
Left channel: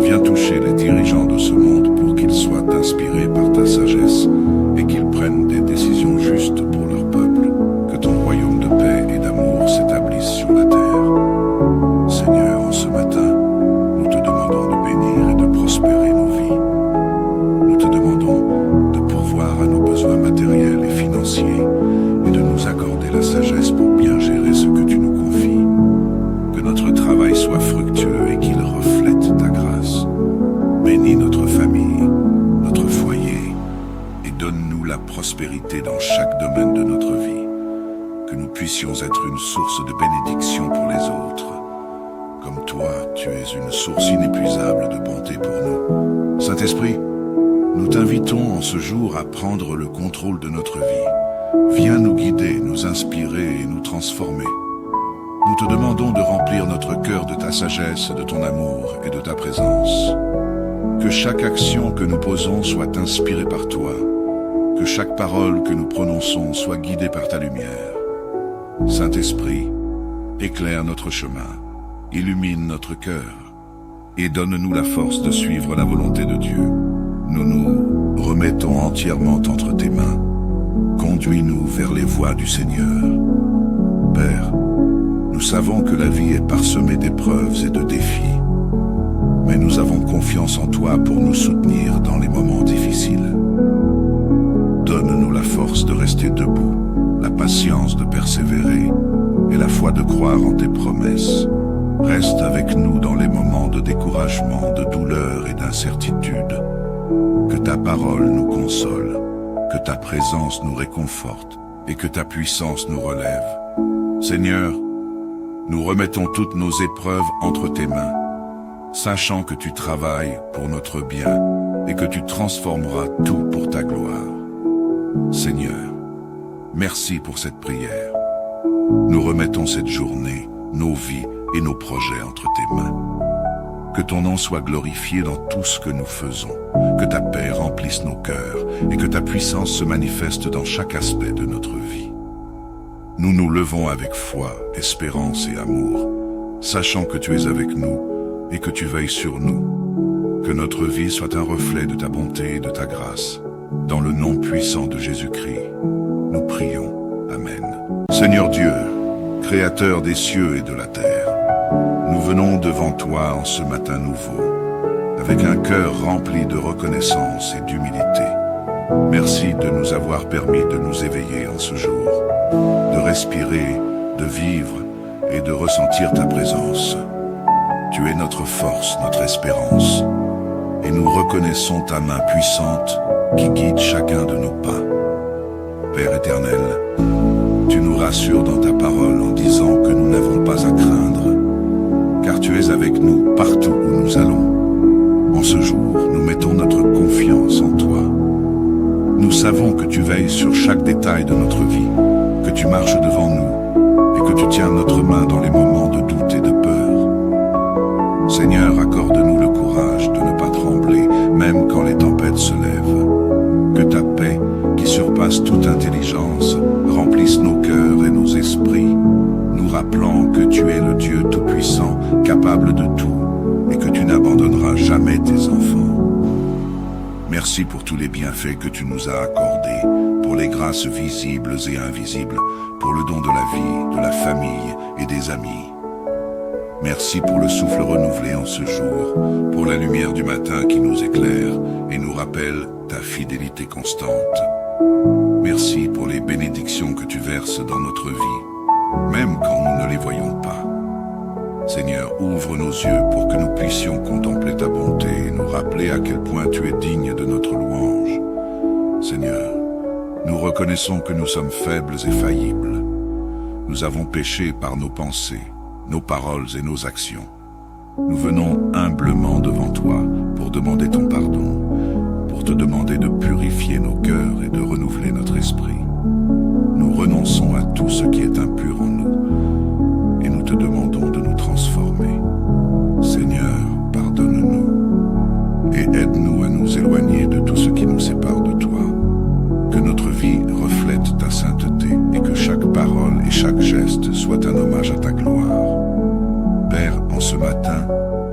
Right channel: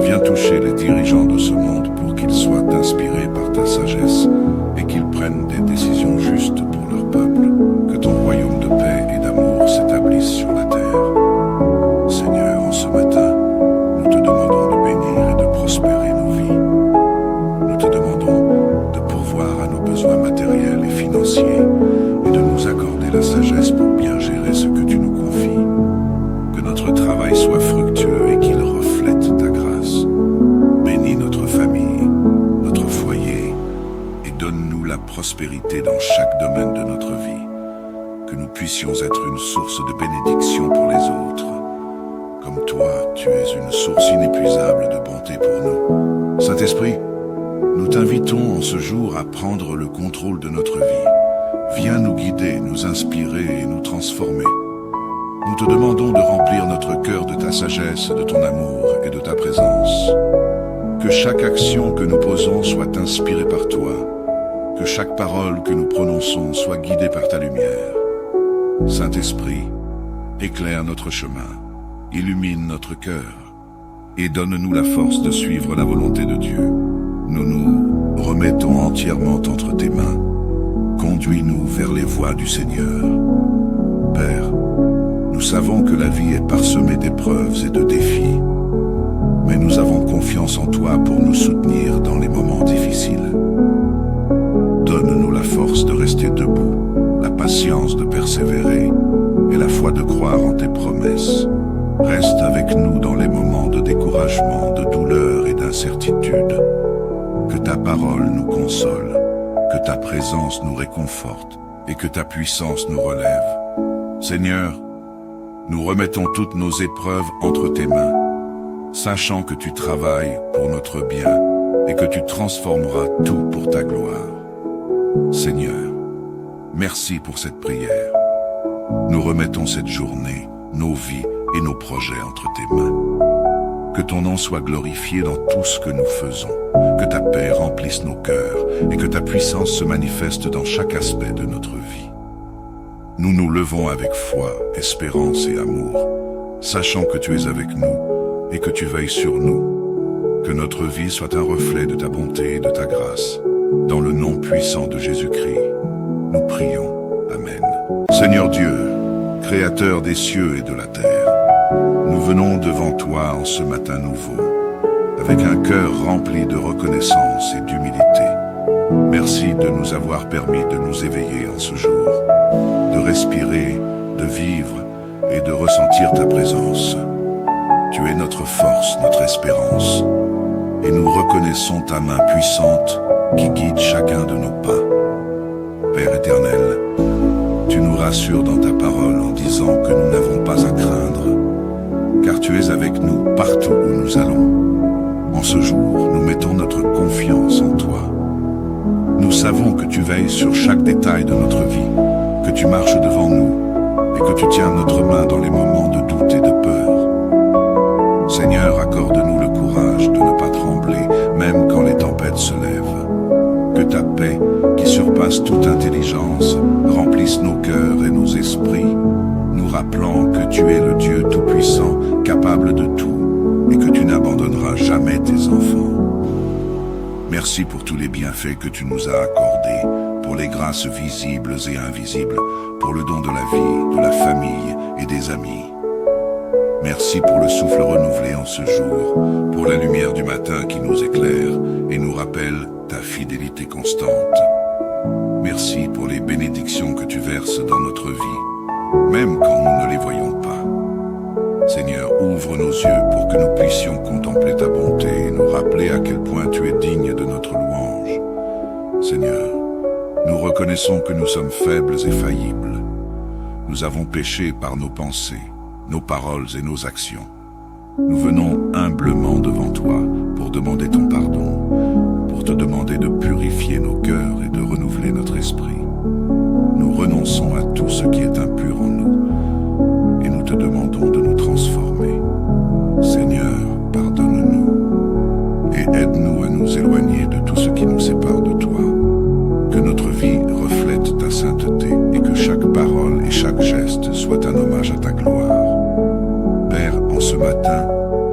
Viens toucher les dirigeants de ce monde pour qu'ils soient inspirés par ta sagesse et qu'ils prennent des décisions justes pour leur peuple. Que ton royaume de paix et d'amour s'établisse sur la terre. Seigneur, en ce matin, nous te demandons de bénir et de prospérer nos vies. Nous te demandons de pourvoir à nos besoins matériels et financiers et de nous accorder la sagesse pour bien gérer ce que tu nous confies. Que notre travail soit fructueux et qu'il reflète ta grâce. Bénis notre famille, notre foyer et donne-nous la prospérité dans chaque domaine de notre vie. Que nous puissions être une source de bénédiction pour les autres. Comme toi, tu es une source inépuisable de bonté pour nous. Saint-Esprit, nous t'invitons en ce jour à prendre le contrôle de notre vie. Viens nous guider, nous inspirer et nous transformer. Nous te demandons de remplir notre cœur de ta sagesse, de ton amour et de ta présence. Que chaque action que nous posons soit inspirée par toi. Que chaque parole que nous prononçons soit guidée par ta lumière. Saint-Esprit, éclaire notre chemin, illumine notre cœur et donne-nous la force de suivre la volonté de Dieu. Nous nous remettons entièrement entre tes mains. Conduis-nous vers les voies du Seigneur. Père, nous savons que la vie est parsemée d'épreuves et de défis, mais nous avons confiance en toi pour nous soutenir dans les moments difficiles. Donne-nous la force de rester debout, la patience de persévérer et la foi de croire en tes promesses. Reste avec nous dans les moments de découragement, de douleur et d'incertitude. Que ta parole nous console, que ta présence nous réconforte et que ta puissance nous relève. Seigneur, nous remettons toutes nos épreuves entre tes mains, sachant que tu travailles pour notre bien et que tu transformeras tout pour ta gloire. Seigneur, merci pour cette prière. Nous remettons cette journée, nos vies et nos projets entre tes mains. Que ton nom soit glorifié dans tout ce que nous faisons, que ta paix remplisse nos cœurs et que ta puissance se manifeste dans chaque aspect de notre vie. Nous nous levons avec foi, espérance et amour, sachant que tu es avec nous et que tu veilles sur nous. Que notre vie soit un reflet de ta bonté et de ta grâce. Dans le nom puissant de Jésus-Christ, nous prions. Amen. Seigneur Dieu, Créateur des cieux et de la terre, nous venons devant toi en ce matin nouveau, avec un cœur rempli de reconnaissance et d'humilité. Merci de nous avoir permis de nous éveiller en ce jour, de respirer, de vivre et de ressentir ta présence. Tu es notre force, notre espérance, et nous reconnaissons ta main puissante qui guide chacun de nos pas. Père éternel, tu nous rassures dans ta parole en disant que nous n'avons pas à craindre, car tu es avec nous partout où nous allons. En ce jour, nous mettons notre confiance en toi. Nous savons que tu veilles sur chaque détail de notre vie, que tu marches devant nous et que tu tiens notre main dans les moments de doute et de peur. Seigneur, accorde-nous le courage de ne pas trembler, même quand les tempêtes se lèvent. Que ta paix, qui surpasse toute intelligence, remplisse nos cœurs et nos esprits, nous rappelant que tu es le Dieu Tout-Puissant, capable de tout, et que tu n'abandonneras jamais tes enfants. Merci pour tous les bienfaits que tu nous as accordés, pour les grâces visibles et invisibles, pour le don de la vie, de la famille et des amis. Merci pour le souffle renouvelé en ce jour, pour la lumière du matin qui nous éclaire et nous rappelle ta fidélité constante. Merci pour les bénédictions que tu verses dans notre vie, même quand nous ne les voyons pas. Seigneur, ouvre nos yeux pour que nous puissions contempler ta bonté et nous rappeler à quel point tu es digne de notre louange. Seigneur, nous reconnaissons que nous sommes faibles et faillibles. Nous avons péché par nos pensées, nos paroles et nos actions. Nous venons humblement devant toi pour demander ton pardon, pour te demander de purifier nos cœurs et de renouveler notre esprit. Nous renonçons à tout ce qui est impur en nous et nous te demandons de nous transformer. Seigneur, pardonne-nous et aide-nous à nous éloigner de tout ce qui nous sépare de toi. Que notre vie reflète ta sainteté et que chaque parole et chaque geste soit un hommage à ta gloire. Père, en ce matin,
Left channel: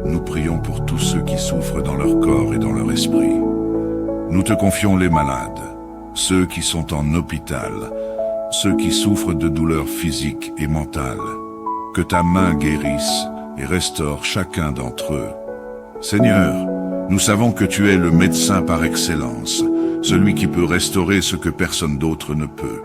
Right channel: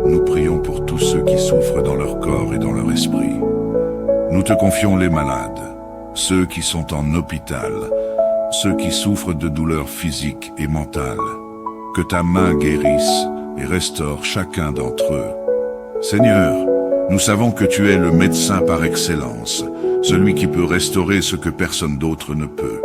nous prions pour tous ceux qui souffrent dans leur corps et dans leur esprit. Nous te confions les malades, ceux qui sont en hôpital, ceux qui souffrent de douleurs physiques et mentales. Que ta main guérisse et restaure chacun d'entre eux. Seigneur, nous savons que tu es le médecin par excellence, celui qui peut restaurer ce que personne d'autre ne peut.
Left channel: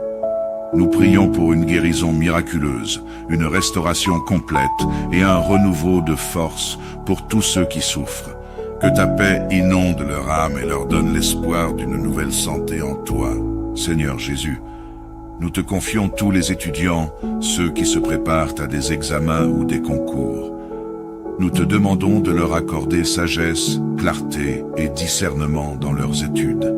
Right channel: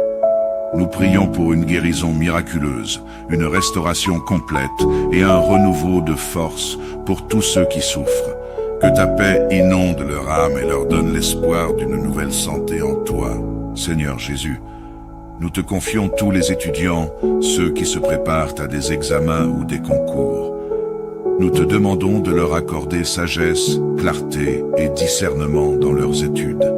Nous prions pour une guérison miraculeuse, une restauration complète et un renouveau de force pour tous ceux qui souffrent. Que ta paix inonde leur âme et leur donne l'espoir d'une nouvelle santé en toi. Seigneur Jésus, nous te confions tous les étudiants, ceux qui se préparent à des examens ou des concours. Nous te demandons de leur accorder sagesse, clarté et discernement dans leurs études.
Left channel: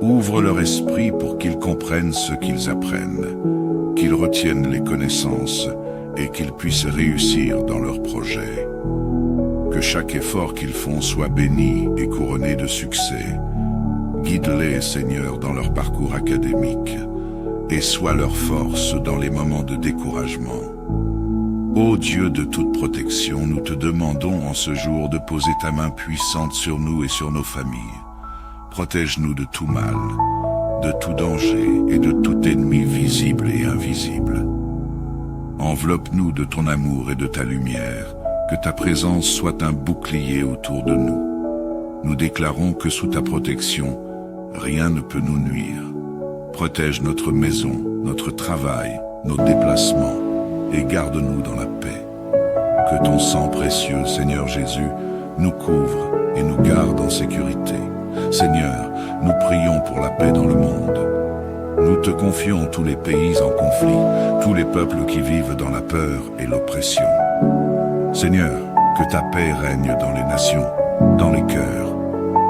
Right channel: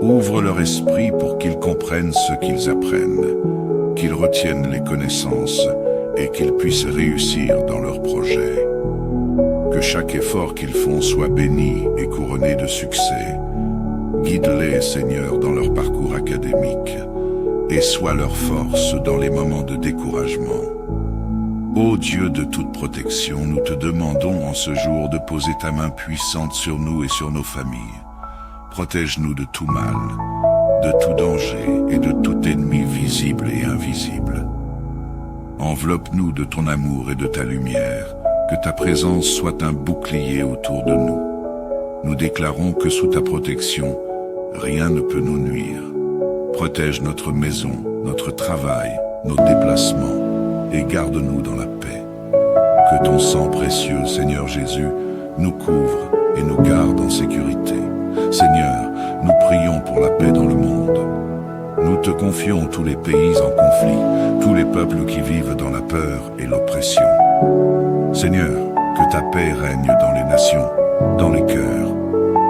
Ouvre leur esprit pour qu'ils comprennent ce qu'ils apprennent, qu'ils retiennent les connaissances et qu'ils puissent réussir dans leurs projets. Que chaque effort qu'ils font soit béni et couronné de succès. Guide-les, Seigneur, dans leur parcours académique et sois leur force dans les moments de découragement. Ô Dieu de toute protection, nous te demandons en ce jour de poser ta main puissante sur nous et sur nos familles. Protège-nous de tout mal, de tout danger et de tout ennemi visible et invisible. Enveloppe-nous de ton amour et de ta lumière, que ta présence soit un bouclier autour de nous. Nous déclarons que sous ta protection, rien ne peut nous nuire. Protège notre maison, notre travail, nos déplacements et garde-nous dans la paix. Que ton sang précieux, Seigneur Jésus, nous couvre et nous garde en sécurité. Seigneur, nous prions pour la paix dans le monde. Nous te confions tous les pays en conflit, tous les peuples qui vivent dans la peur et l'oppression. Seigneur, que ta paix règne dans les nations, dans les cœurs,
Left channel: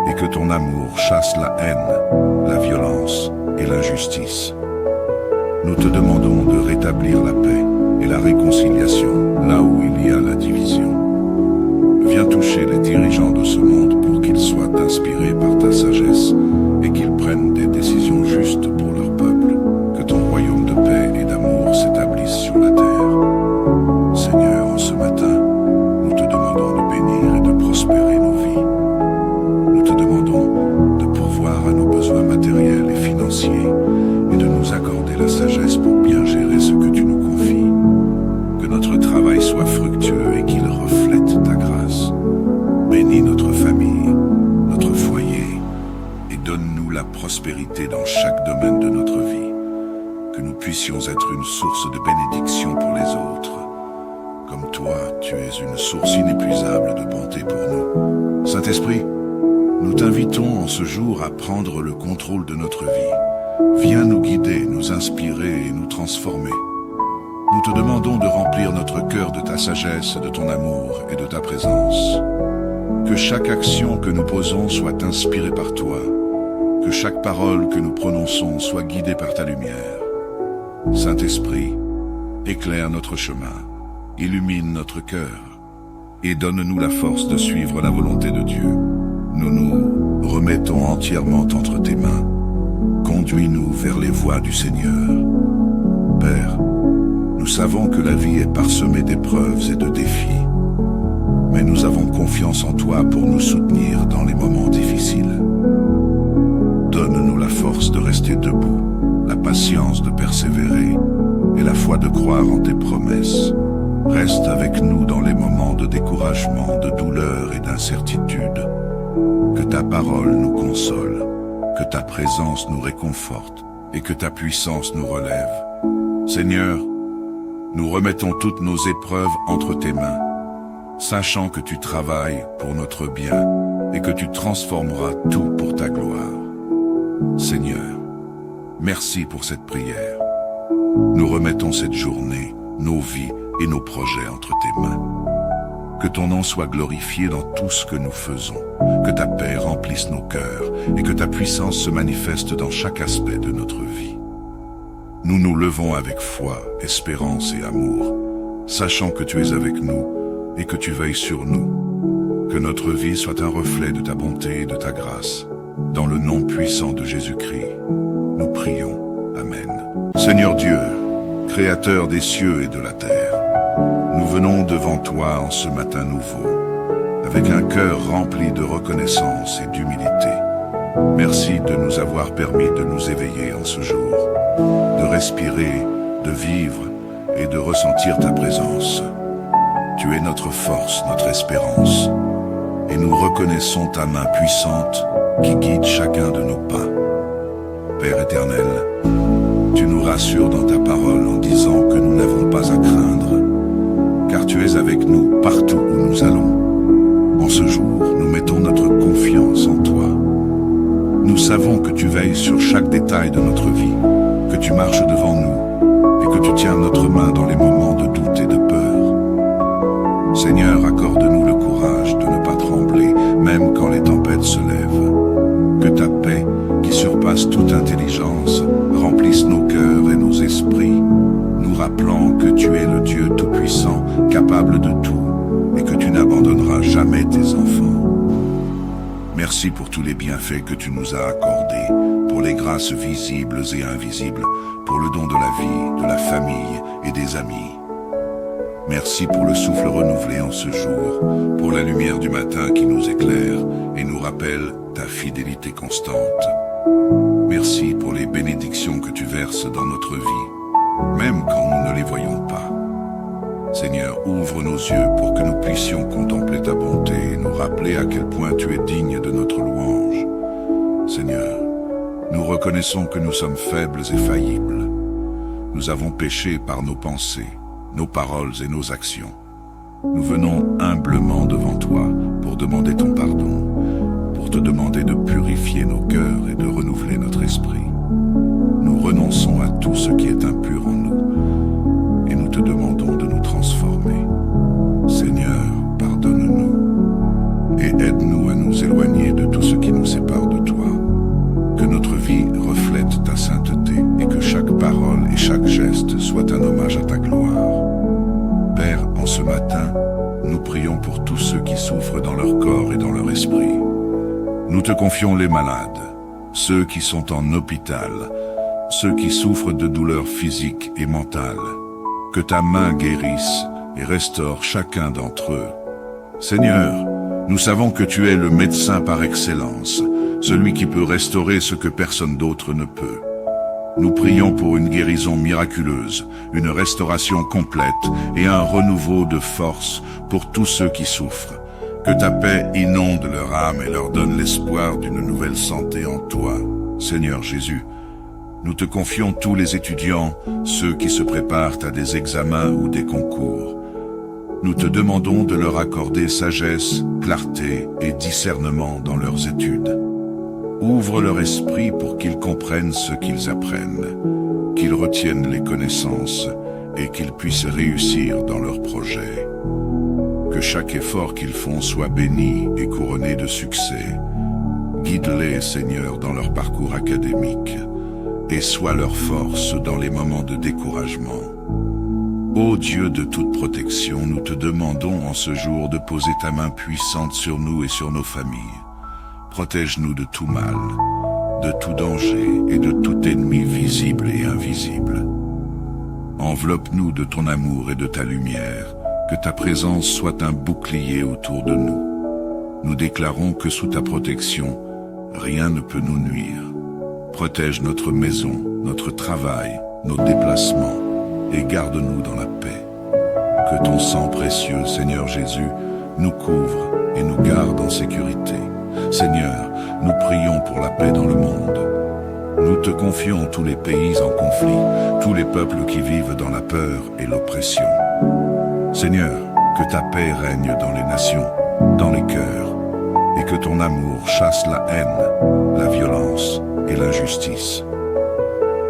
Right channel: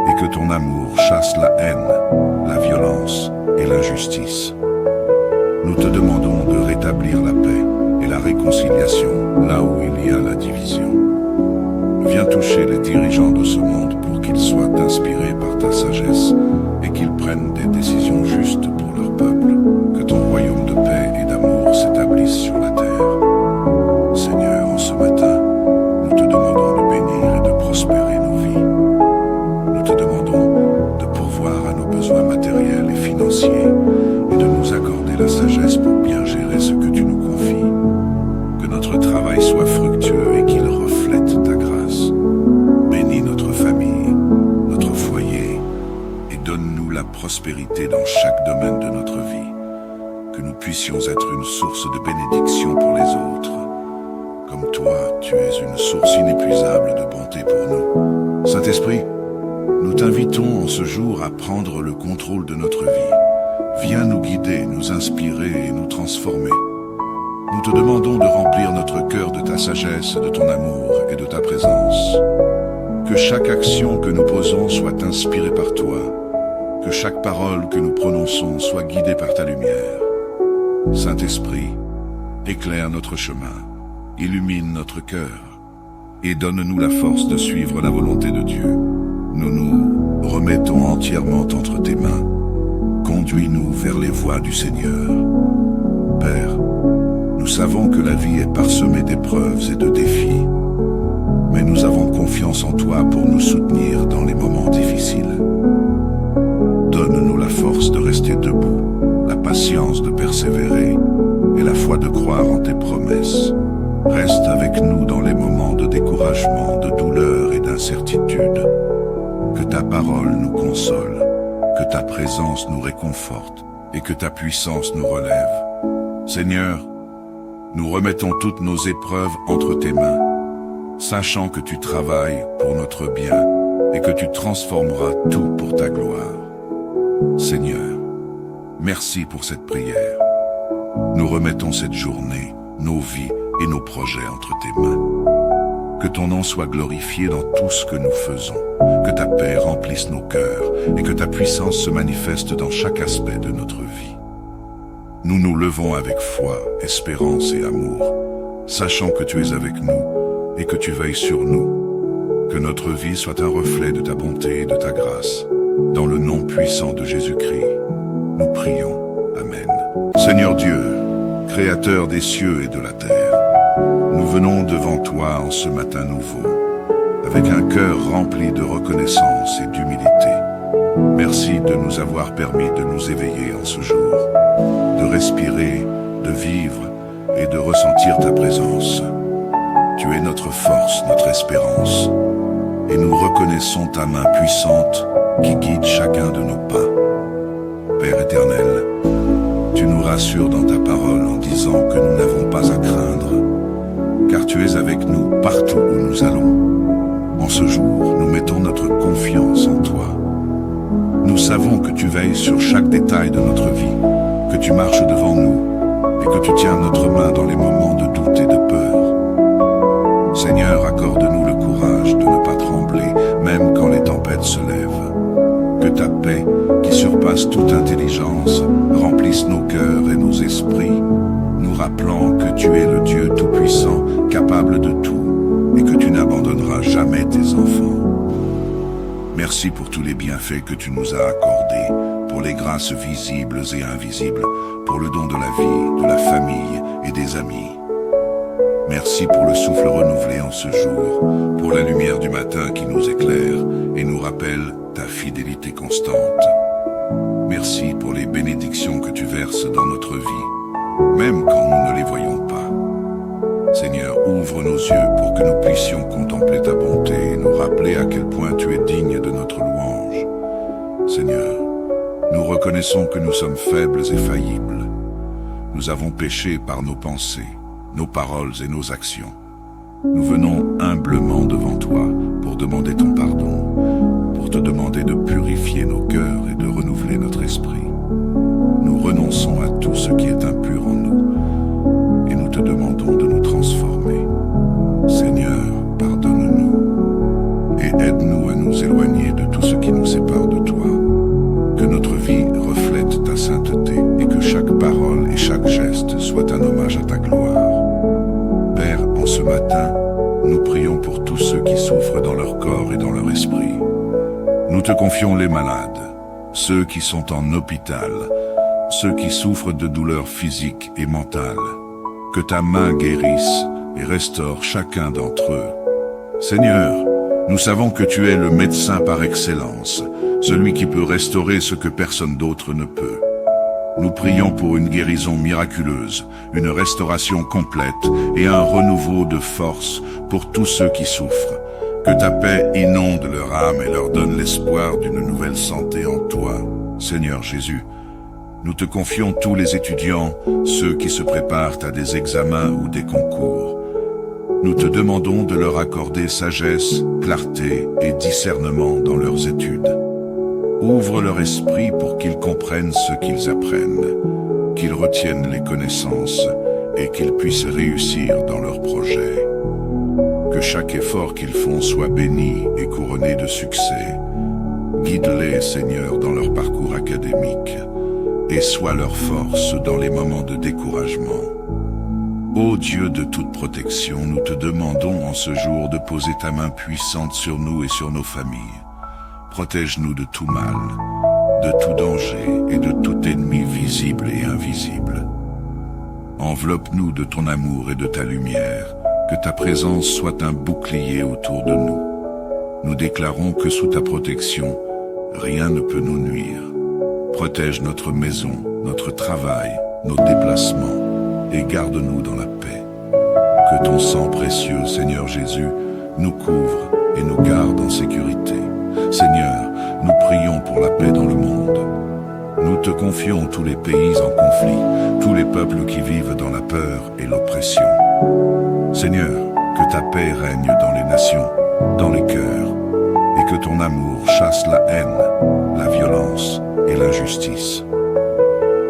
et que ton amour chasse la haine, la violence et l'injustice. Nous te demandons de rétablir la paix et la réconciliation là où il y a la division. Viens toucher les dirigeants de ce monde pour qu'ils soient inspirés par ta sagesse et qu'ils prennent des décisions justes pour leur peuple. Que ton royaume de paix et d'amour s'établisse sur la terre. Seigneur, en ce matin, nous te demandons de bénir et de prospérer nos vies. Nous te demandons de pourvoir à nos besoins matériels et financiers et de nous accorder la sagesse pour bien gérer ce que tu nous confies. Que notre travail soit fructueux et qu'il reflète ta grâce. Bénis notre famille, notre foyer et donne-nous la prospérité dans chaque domaine de notre vie. Que nous puissions être une source de bénédiction pour les autres. Comme toi, tu es une source inépuisable de bonté pour nous. Saint-Esprit, nous t'invitons en ce jour à prendre le contrôle de notre vie. Viens nous guider, nous inspirer et nous transformer. Nous te demandons de remplir notre cœur de ta sagesse, de ton amour et de ta présence. Que chaque action que nous posons soit inspirée par toi. Que chaque parole que nous prononçons soit guidée par ta lumière. Saint-Esprit, éclaire notre chemin, illumine notre cœur et donne-nous la force de suivre la volonté de Dieu. Nous nous remettons entièrement entre tes mains. Conduis-nous vers les voies du Seigneur. Père, nous savons que la vie est parsemée d'épreuves et de défis, mais nous avons confiance en toi pour nous soutenir dans les moments difficiles. force de rester debout, la patience de persévérer et la foi de croire en tes promesses. Reste avec nous dans les moments de découragement, de douleur et d'incertitude. Que ta parole nous console, que ta présence nous réconforte et que ta puissance nous relève. Seigneur, nous remettons toutes nos épreuves entre tes mains, sachant que tu travailles pour notre bien et que tu transformeras tout pour ta gloire. Seigneur, merci pour cette prière. Nous remettons cette journée, nos vies et nos projets entre tes mains. Que ton nom soit glorifié dans tout ce que nous faisons, que ta paix remplisse nos cœurs et que ta puissance se manifeste dans chaque aspect de notre vie. Nous nous levons avec foi, espérance et amour, sachant que tu es avec nous et que tu veilles sur nous. Que notre vie soit un reflet de ta bonté et de ta grâce. Dans le nom puissant de Jésus-Christ, nous prions. Amen. Seigneur Dieu, Créateur des cieux et de la terre, nous venons devant toi en ce matin nouveau, avec un cœur rempli de reconnaissance et d'humilité. Merci de nous avoir permis de nous éveiller en ce jour, de respirer, de vivre et de ressentir ta présence. Tu es notre force, notre espérance, et nous reconnaissons ta main puissante qui guide chacun de nos pas. Père éternel, tu nous rassures dans ta parole en disant que nous n'avons pas à craindre, car tu es avec nous partout où nous allons. En ce jour, nous mettons notre confiance en toi. Nous savons que tu veilles sur chaque détail de notre vie, que tu marches devant nous et que tu tiens notre main dans les moments de doute et de peur. Seigneur, accorde-nous le courage de ne pas trembler, même quand les tempêtes se lèvent. Que ta paix, qui surpasse toute intelligence, remplisse nos cœurs et nos esprits, nous rappelant que tu es le Dieu Tout-Puissant, capable de tout, et que tu n'abandonneras jamais tes enfants. Merci pour tous les bienfaits que tu nous as accordés, pour les grâces visibles et invisibles, pour le don de la vie, de la famille et des amis. Merci pour le souffle renouvelé en ce jour, pour la lumière du matin qui nous éclaire et nous rappelle ta fidélité constante. Merci pour les bénédictions que tu verses dans notre vie, même quand nous ne les voyons pas. Seigneur, ouvre nos yeux pour que nous puissions contempler ta bonté et nous rappeler à quel point tu es digne de notre louange. Seigneur, nous reconnaissons que nous sommes faibles et faillibles. Nous avons péché par nos pensées, nos paroles et nos actions. Nous venons humblement devant toi pour demander ton pardon, pour te demander de purifier nos cœurs et de renouveler notre esprit. Nous renonçons à tout ce qui est impur en nous et nous te demandons de nous transformer. Seigneur, pardonne-nous et aide-nous à nous éloigner de tout ce qui nous sépare de toi. Que notre vie reflète ta sainteté et que chaque parole et chaque geste soit un hommage à ta gloire. Père, en ce matin, nous prions pour tous ceux qui souffrent dans leur corps et dans leur esprit. Nous te confions les malades, ceux qui sont en hôpital, ceux qui souffrent de douleurs physiques et mentales. Que ta main guérisse et restaure chacun d'entre eux. Seigneur, nous savons que tu es le médecin par excellence, celui qui peut restaurer ce que personne d'autre ne peut. Nous prions pour une guérison miraculeuse, une restauration complète et un renouveau de force pour tous ceux qui souffrent. Que ta paix inonde leur âme et leur donne l'espoir d'une nouvelle santé en toi. Seigneur Jésus, nous te confions tous les étudiants, ceux qui se préparent à des examens ou des concours. Nous te demandons de leur accorder sagesse, clarté et discernement dans leurs études. Ouvre leur esprit pour qu'ils comprennent ce qu'ils apprennent, qu'ils retiennent les connaissances et qu'ils puissent réussir dans leurs projets. Que chaque effort qu'ils font soit béni et couronné de succès. Guide-les, Seigneur, dans leur parcours académique et sois leur force dans les moments de découragement. Ô Dieu de toute protection, nous te demandons en ce jour de poser ta main puissante sur nous et sur nos familles. Protège-nous de tout mal, de tout danger et de tout ennemi visible et invisible. Enveloppe-nous de ton amour et de ta lumière, que ta présence soit un bouclier autour de nous. Nous déclarons que sous ta protection, rien ne peut nous nuire. Protège notre maison, notre travail, nos déplacements, et garde-nous dans la paix. Que ton sang précieux, Seigneur Jésus, nous couvre et nous garde en sécurité. Seigneur, nous prions pour la paix dans le monde. Nous te confions tous les pays en conflit, tous les peuples qui vivent dans la peur et l'oppression. Seigneur, que ta paix règne dans les nations, dans les cœurs, et que ton amour chasse la haine, la violence et l'injustice.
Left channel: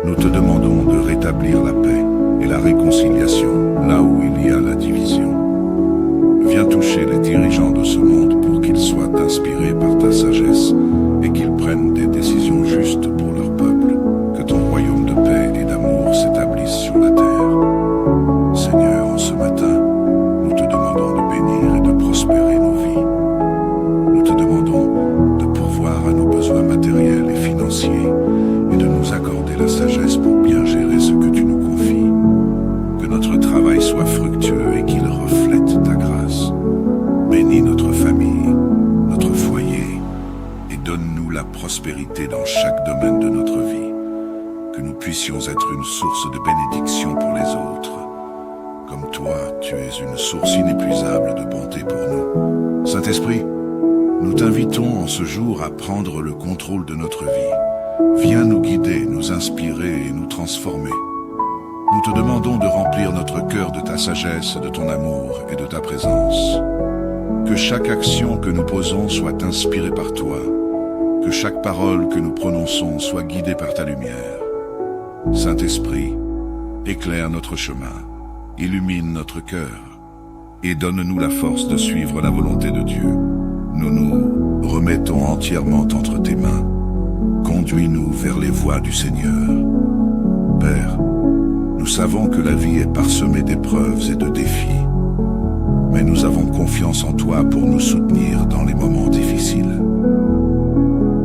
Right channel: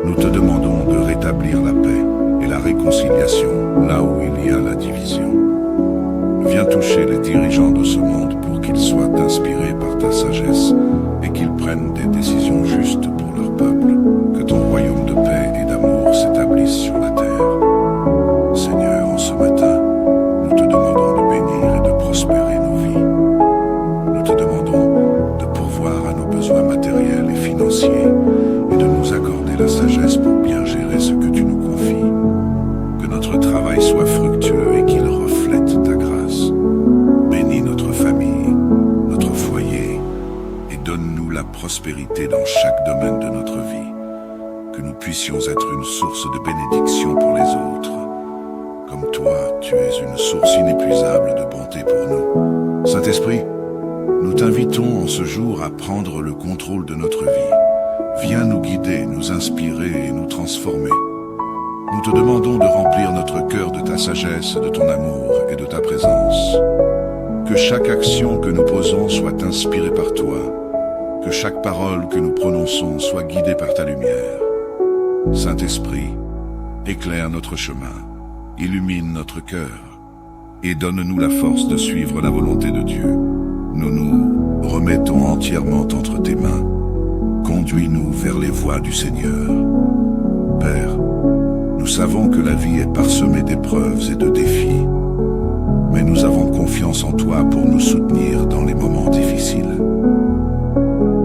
Nous te demandons de rétablir la paix et la réconciliation là où il y a la division. Viens toucher les dirigeants de ce monde pour qu'ils soient inspirés par ta sagesse et qu'ils prennent des décisions justes pour leur peuple. Que ton royaume de paix et d'amour s'établisse sur la terre. Seigneur, en ce matin, nous te demandons de bénir et de prospérer nos vies. Nous te demandons de pourvoir à nos besoins matériels et financiers et de nous accorder la sagesse pour bien gérer ce que tu nous confies. Que notre travail soit fructueux et qu'il reflète ta grâce. Bénis notre famille, notre foyer, et donne-nous la prospérité dans chaque domaine de notre vie. Que nous puissions être une source de bénédiction pour les autres. Comme toi, tu es une source inépuisable de bonté pour nous. Saint-Esprit, nous t'invitons en ce jour à prendre le contrôle de notre vie. Viens nous guider, nous inspirer et nous transformer. Nous te demandons de remplir notre cœur de ta sagesse, de ton amour et de ta présence. Que chaque action que nous posons soit inspirée par toi. Que chaque parole que nous prononçons soit guidée par ta lumière. Saint-Esprit, éclaire notre chemin, illumine notre cœur et donne-nous la force de suivre la volonté de Dieu. Nous nous remettons entièrement entre tes mains. Conduis-nous vers les voies du Seigneur. Père, nous savons que la vie est parsemée d'épreuves et de défis, mais nous avons confiance en toi pour nous soutenir dans les moments difficiles.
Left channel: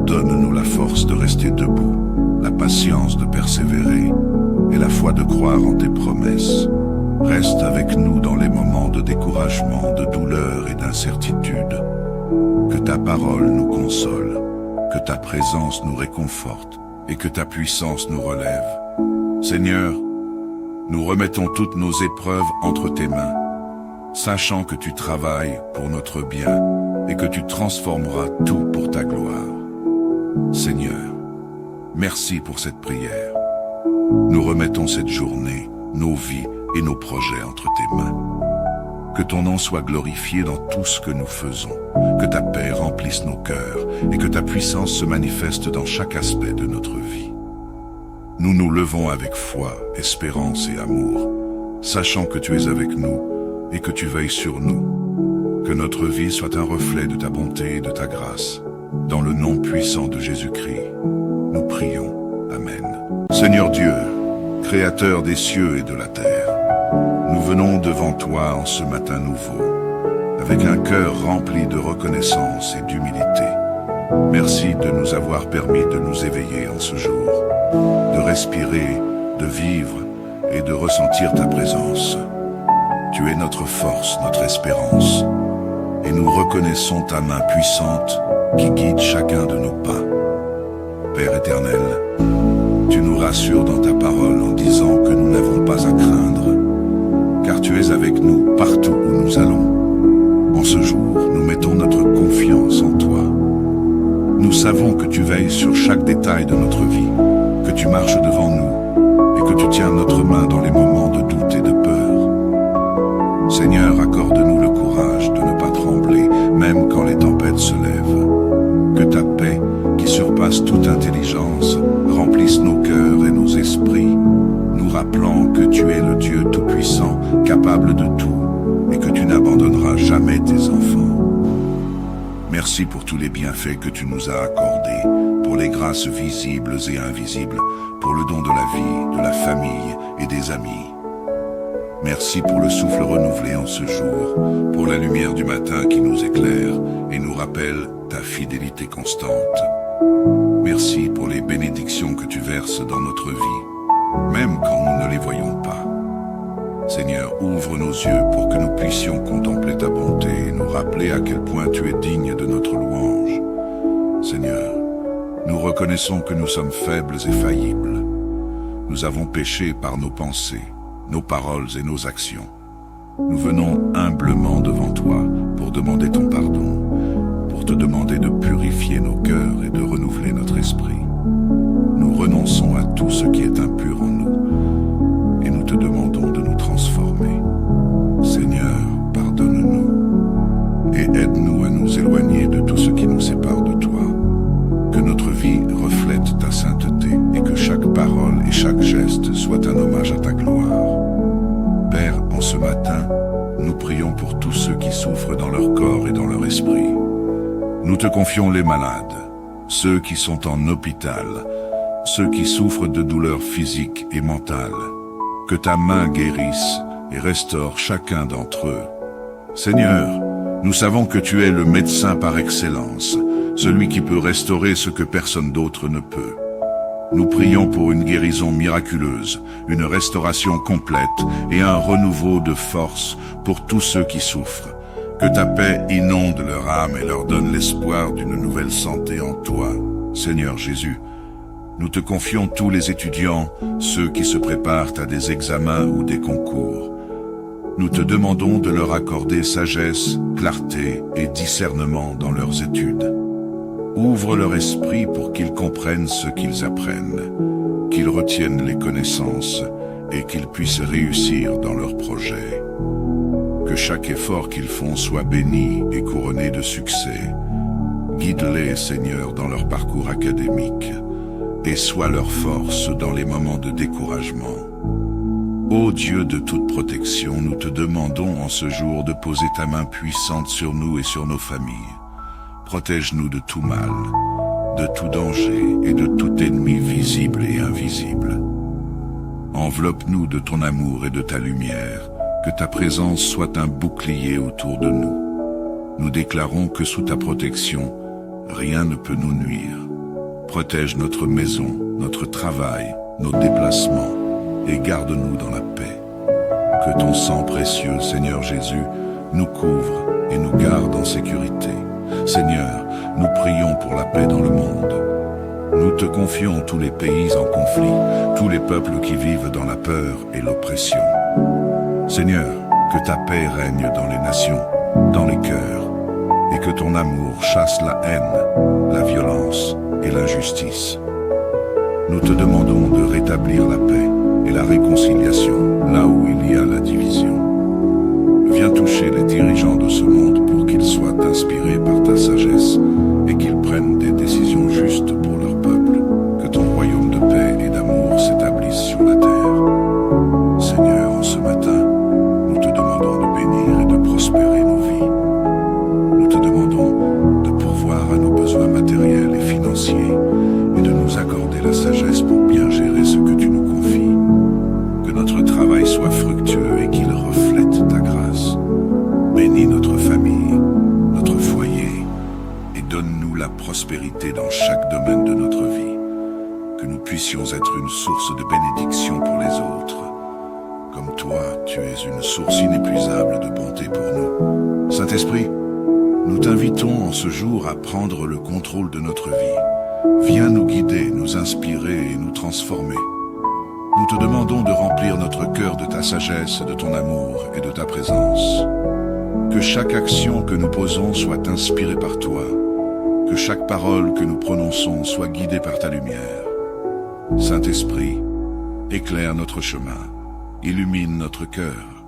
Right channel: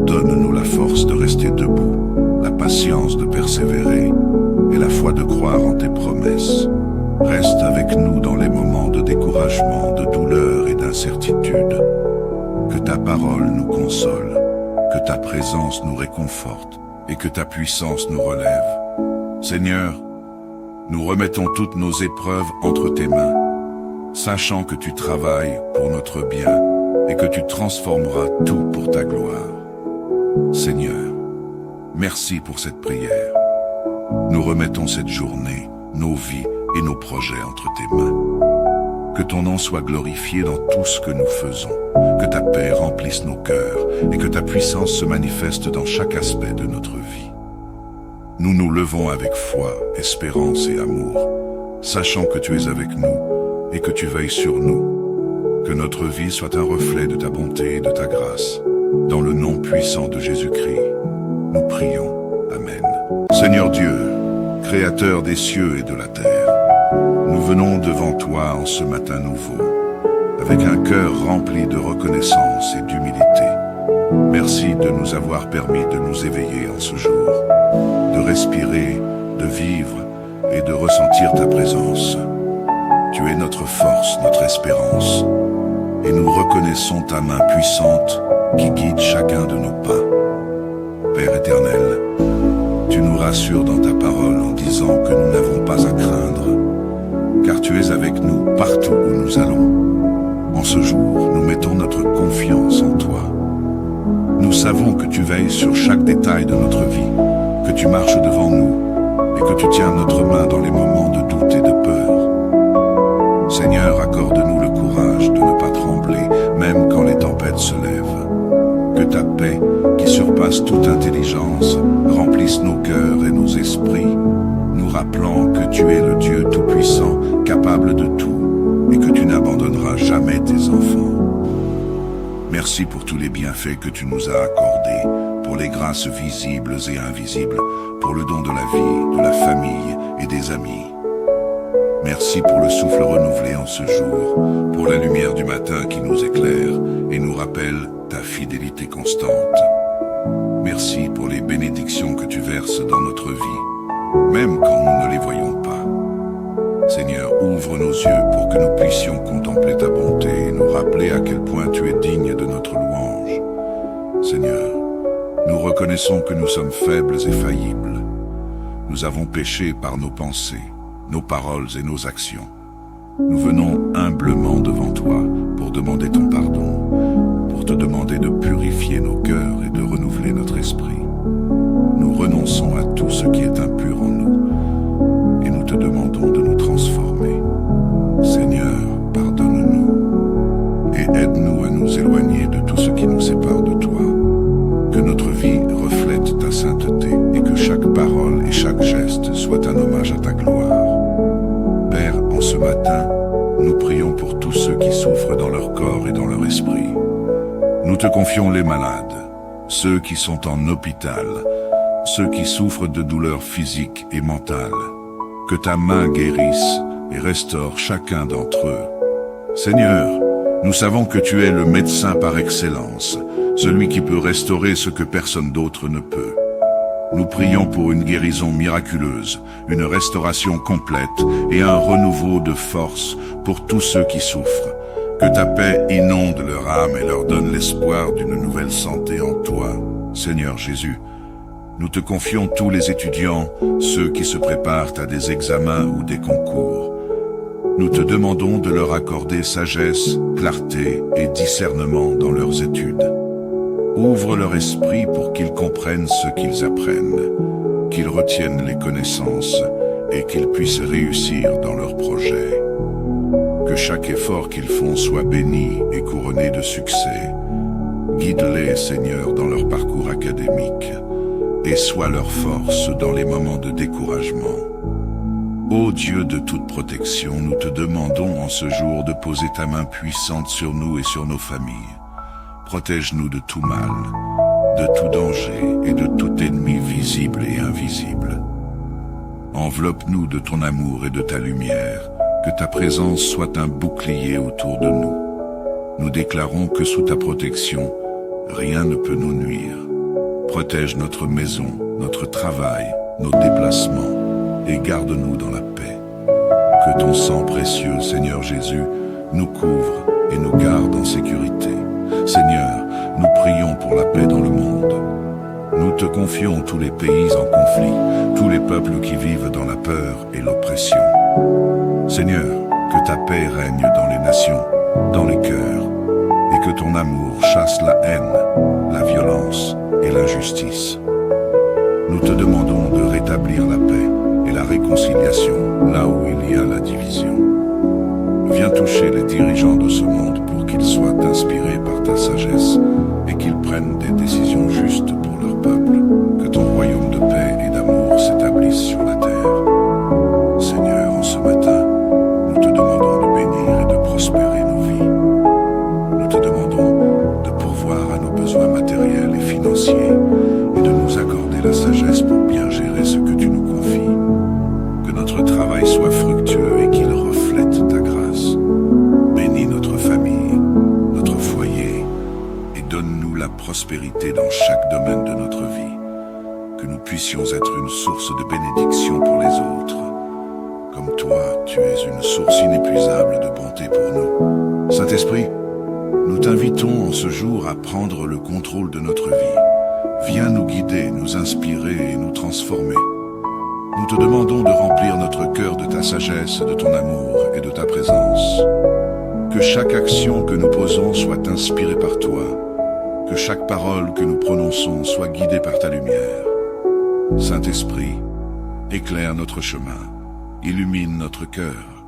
Donne-nous la force de rester debout, la patience de persévérer et la foi de croire en tes promesses. Reste avec nous dans les moments de découragement, de douleur et d'incertitude. Que ta parole nous console, que ta présence nous réconforte et que ta puissance nous relève. Seigneur, nous remettons toutes nos épreuves entre tes mains, sachant que tu travailles pour notre bien et que tu transformeras tout pour ta gloire. Seigneur, merci pour cette prière. Nous remettons cette journée, nos vies et nos projets entre tes mains. Que ton nom soit glorifié dans tout ce que nous faisons, que ta paix remplisse nos cœurs et que ta puissance se manifeste dans chaque aspect de notre vie. Nous nous levons avec foi, espérance et amour, sachant que tu es avec nous et que tu veilles sur nous. Que notre vie soit un reflet de ta bonté et de ta grâce. Dans le nom puissant de Jésus-Christ, nous prions. Amen. Seigneur Dieu, Créateur des cieux et de la terre, nous venons devant toi en ce matin nouveau, avec un cœur rempli de reconnaissance et d'humilité. Merci de nous avoir permis de nous éveiller en ce jour, de respirer, de vivre et de ressentir ta présence. Tu es notre force, notre espérance, et nous reconnaissons ta main puissante qui guide chacun de nos pas. Père éternel, tu nous rassures dans ta parole en disant que nous n'avons pas à craindre, car tu es avec nous partout où nous allons. En ce jour, nous mettons notre confiance en toi. Nous savons que tu veilles sur chaque détail de notre vie, que tu marches devant nous et que tu tiens notre main dans les moments de doute et de peur. Seigneur, accorde-nous le courage de ne pas trembler, même quand les tempêtes se lèvent. Que ta paix, qui surpasse toute intelligence, remplisse nos cœurs et nos esprits, nous rappelant que tu es le Dieu Tout-Puissant, capable de tout, et que tu n'abandonneras jamais tes enfants. Merci pour tous les bienfaits que tu nous as accordés, pour les grâces visibles et invisibles, pour le don de la vie, de la famille et des amis. Merci pour le souffle renouvelé en ce jour, pour la lumière du matin qui nous éclaire et nous rappelle ta fidélité constante. Merci pour les bénédictions que tu verses dans notre vie, même quand nous ne les voyons pas. Seigneur, ouvre nos yeux pour que nous puissions contempler ta bonté et nous rappeler à quel point tu es digne de notre louange. Seigneur, nous nous reconnaissons que nous sommes faibles et faillibles. Nous avons péché par nos pensées, nos paroles et nos actions. Nous venons humblement devant toi pour demander ton pardon, pour te demander de purifier nos cœurs et de renouveler notre esprit. Nous renonçons à tout ce qui est impur en nous et nous te demandons de nous transformer. Seigneur, pardonne-nous et aide-nous à nous éloigner de tout ce qui nous sépare de toi. Que notre vie reflète ta sainteté et que chaque parole et chaque geste soit un hommage à ta gloire. Père, en ce matin, nous prions pour tous ceux qui souffrent dans leur corps et dans leur esprit. Nous te confions les malades, ceux qui sont en hôpital, ceux qui souffrent de douleurs physiques et mentales. Que ta main guérisse et restaure chacun d'entre eux. Seigneur, nous savons que tu es le médecin par excellence, celui qui peut restaurer ce que personne d'autre ne peut. Nous prions pour une guérison miraculeuse, une restauration complète et un renouveau de force pour tous ceux qui souffrent. Que ta paix inonde leur âme et leur donne l'espoir d'une nouvelle santé en toi. Seigneur Jésus, nous te confions tous les étudiants, ceux qui se préparent à des examens ou des concours. Nous te demandons de leur accorder sagesse, clarté et discernement dans leurs études. Ouvre leur esprit pour qu'ils comprennent ce qu'ils apprennent, qu'ils retiennent les connaissances et qu'ils puissent réussir dans leurs projets. Que chaque effort qu'ils font soit béni et couronné de succès. Guide-les, Seigneur, dans leur parcours académique et sois leur force dans les moments de découragement. Ô Dieu de toute protection, nous te demandons en ce jour de poser ta main puissante sur nous et sur nos familles. Protège-nous de tout mal, de tout danger et de tout ennemi visible et invisible. Enveloppe-nous de ton amour et de ta lumière, que ta présence soit un bouclier autour de nous. Nous déclarons que sous ta protection, rien ne peut nous nuire. Protège notre maison, notre travail, nos déplacements et garde-nous dans la paix. Que ton sang précieux, Seigneur Jésus, nous couvre et nous garde en sécurité. Seigneur, nous prions pour la paix dans le monde. Nous te confions tous les pays en conflit, tous les peuples qui vivent dans la peur et l'oppression. Seigneur, que ta paix règne dans les nations, dans les cœurs, et que ton amour chasse la haine, la violence et l'injustice. Nous te demandons de rétablir la paix et la réconciliation là où il y a la division. Viens toucher les dirigeants de ce monde pour qu'ils soient inspirés par ta sagesse et qu'ils prennent des décisions justes pour leur peuple. Que ton royaume de paix et d'amour s'établisse sur la terre. Seigneur, en ce matin, nous te demandons de bénir et de prospérer nos vies. Nous te demandons de pourvoir à nos besoins matériels et financiers et de nous accorder la sagesse pour bien gérer ce que tu nous confies. Que notre travail soit fructueux et qu'il reflète ta grâce. Bénis notre famille, notre foyer et donne-nous la prospérité dans chaque domaine de notre vie. Que nous puissions être une source de bénédiction pour les autres. Comme toi, tu es une source inépuisable de bonté pour nous. Saint-Esprit, nous t'invitons en ce jour à prendre le contrôle de notre vie. Viens nous guider, nous inspirer et nous transformer. Nous te demandons de remplir notre cœur de ta sagesse, de ton amour et de ta présence. Que chaque action que nous posons soit inspirée par toi. Que chaque parole que nous prononçons soit guidée par ta lumière. Saint-Esprit, éclaire notre chemin, illumine notre cœur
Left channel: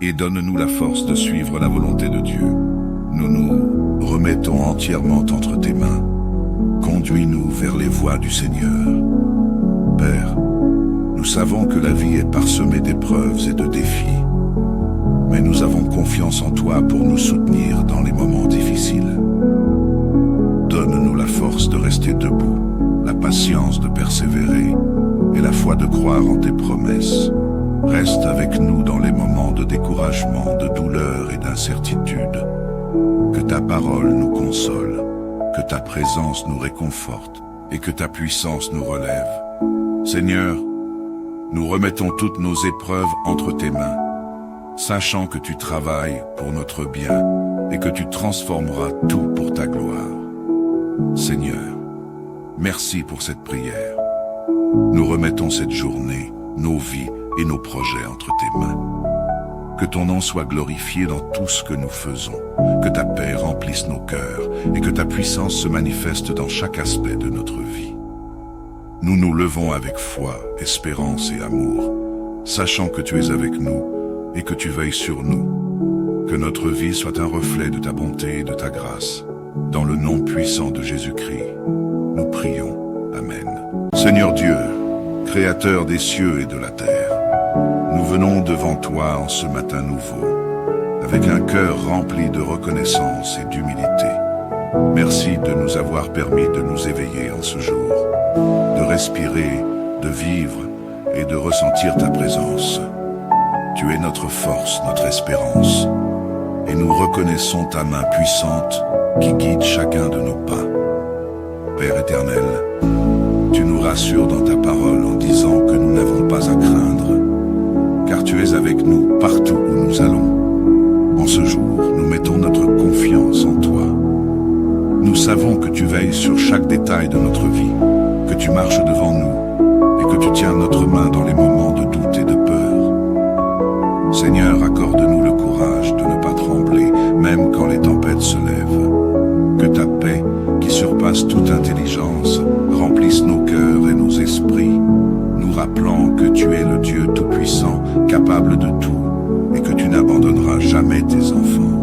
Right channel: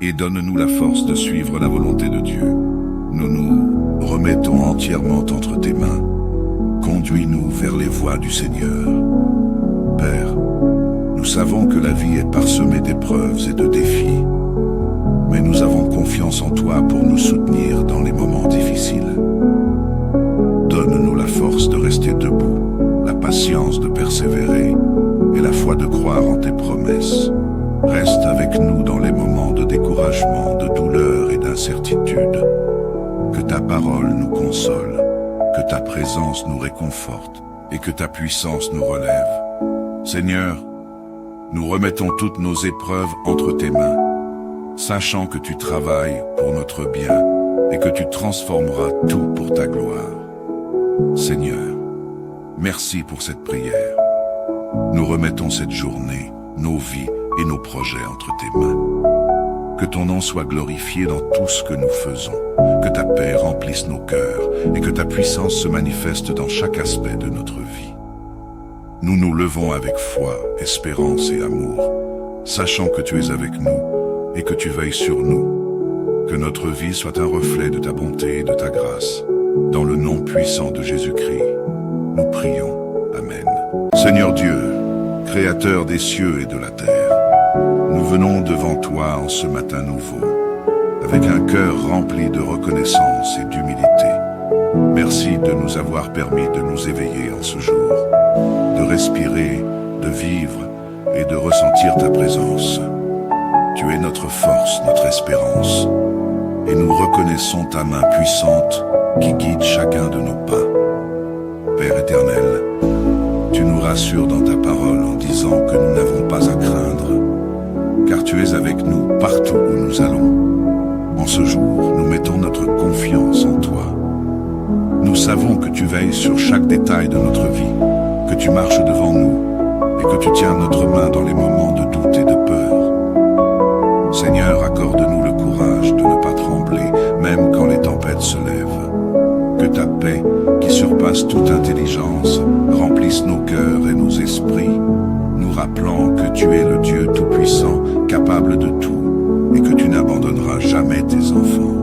et donne-nous la force de suivre la volonté de Dieu. Nous nous remettons entièrement entre tes mains. Conduis-nous vers les voies du Seigneur. Père, nous savons que la vie est parsemée d'épreuves et de défis, mais nous avons confiance en toi pour nous soutenir dans les moments difficiles. Donne-nous la force de rester debout, la patience de persévérer et la foi de croire en tes promesses. Reste avec nous dans les moments de découragement, de douleur et d'incertitude. Que ta parole nous console, que ta présence nous réconforte et que ta puissance nous relève. Seigneur, nous remettons toutes nos épreuves entre tes mains, sachant que tu travailles pour notre bien et que tu transformeras tout pour ta gloire. Seigneur, merci pour cette prière. Nous remettons cette journée, nos vies et nos projets entre tes mains. Que ton nom soit glorifié dans tout ce que nous faisons, que ta paix remplisse nos cœurs et que ta puissance se manifeste dans chaque aspect de notre vie. Nous nous levons avec foi, espérance et amour, sachant que tu es avec nous et que tu veilles sur nous. Que notre vie soit un reflet de ta bonté et de ta grâce. Dans le nom puissant de Jésus-Christ, nous prions. Amen. Seigneur Dieu, Créateur des cieux et de la terre, nous venons devant toi en ce matin nouveau, avec un cœur rempli de reconnaissance et d'humilité. Merci de nous avoir permis de nous éveiller en ce jour, de respirer, de vivre et de ressentir ta présence. Tu es notre force, notre espérance, et nous reconnaissons ta main puissante qui guide chacun de nos pas. Père éternel, tu nous rassures dans ta parole en disant que nous n'avons pas à craindre, car tu es avec nous partout où nous allons. En ce jour, nous mettons notre confiance en toi. Nous savons que tu veilles sur chaque détail de notre vie, que tu marches devant nous et que tu tiens notre main dans les moments de doute et de peur. Seigneur, accorde-nous le courage de ne pas trembler, même quand les tempêtes se lèvent. Que ta paix, qui surpasse toute intelligence, remplisse nos cœurs et nos esprits, nous rappelant que tu es le Dieu Tout-Puissant, capable de tout, et que tu n'abandonneras jamais tes enfants.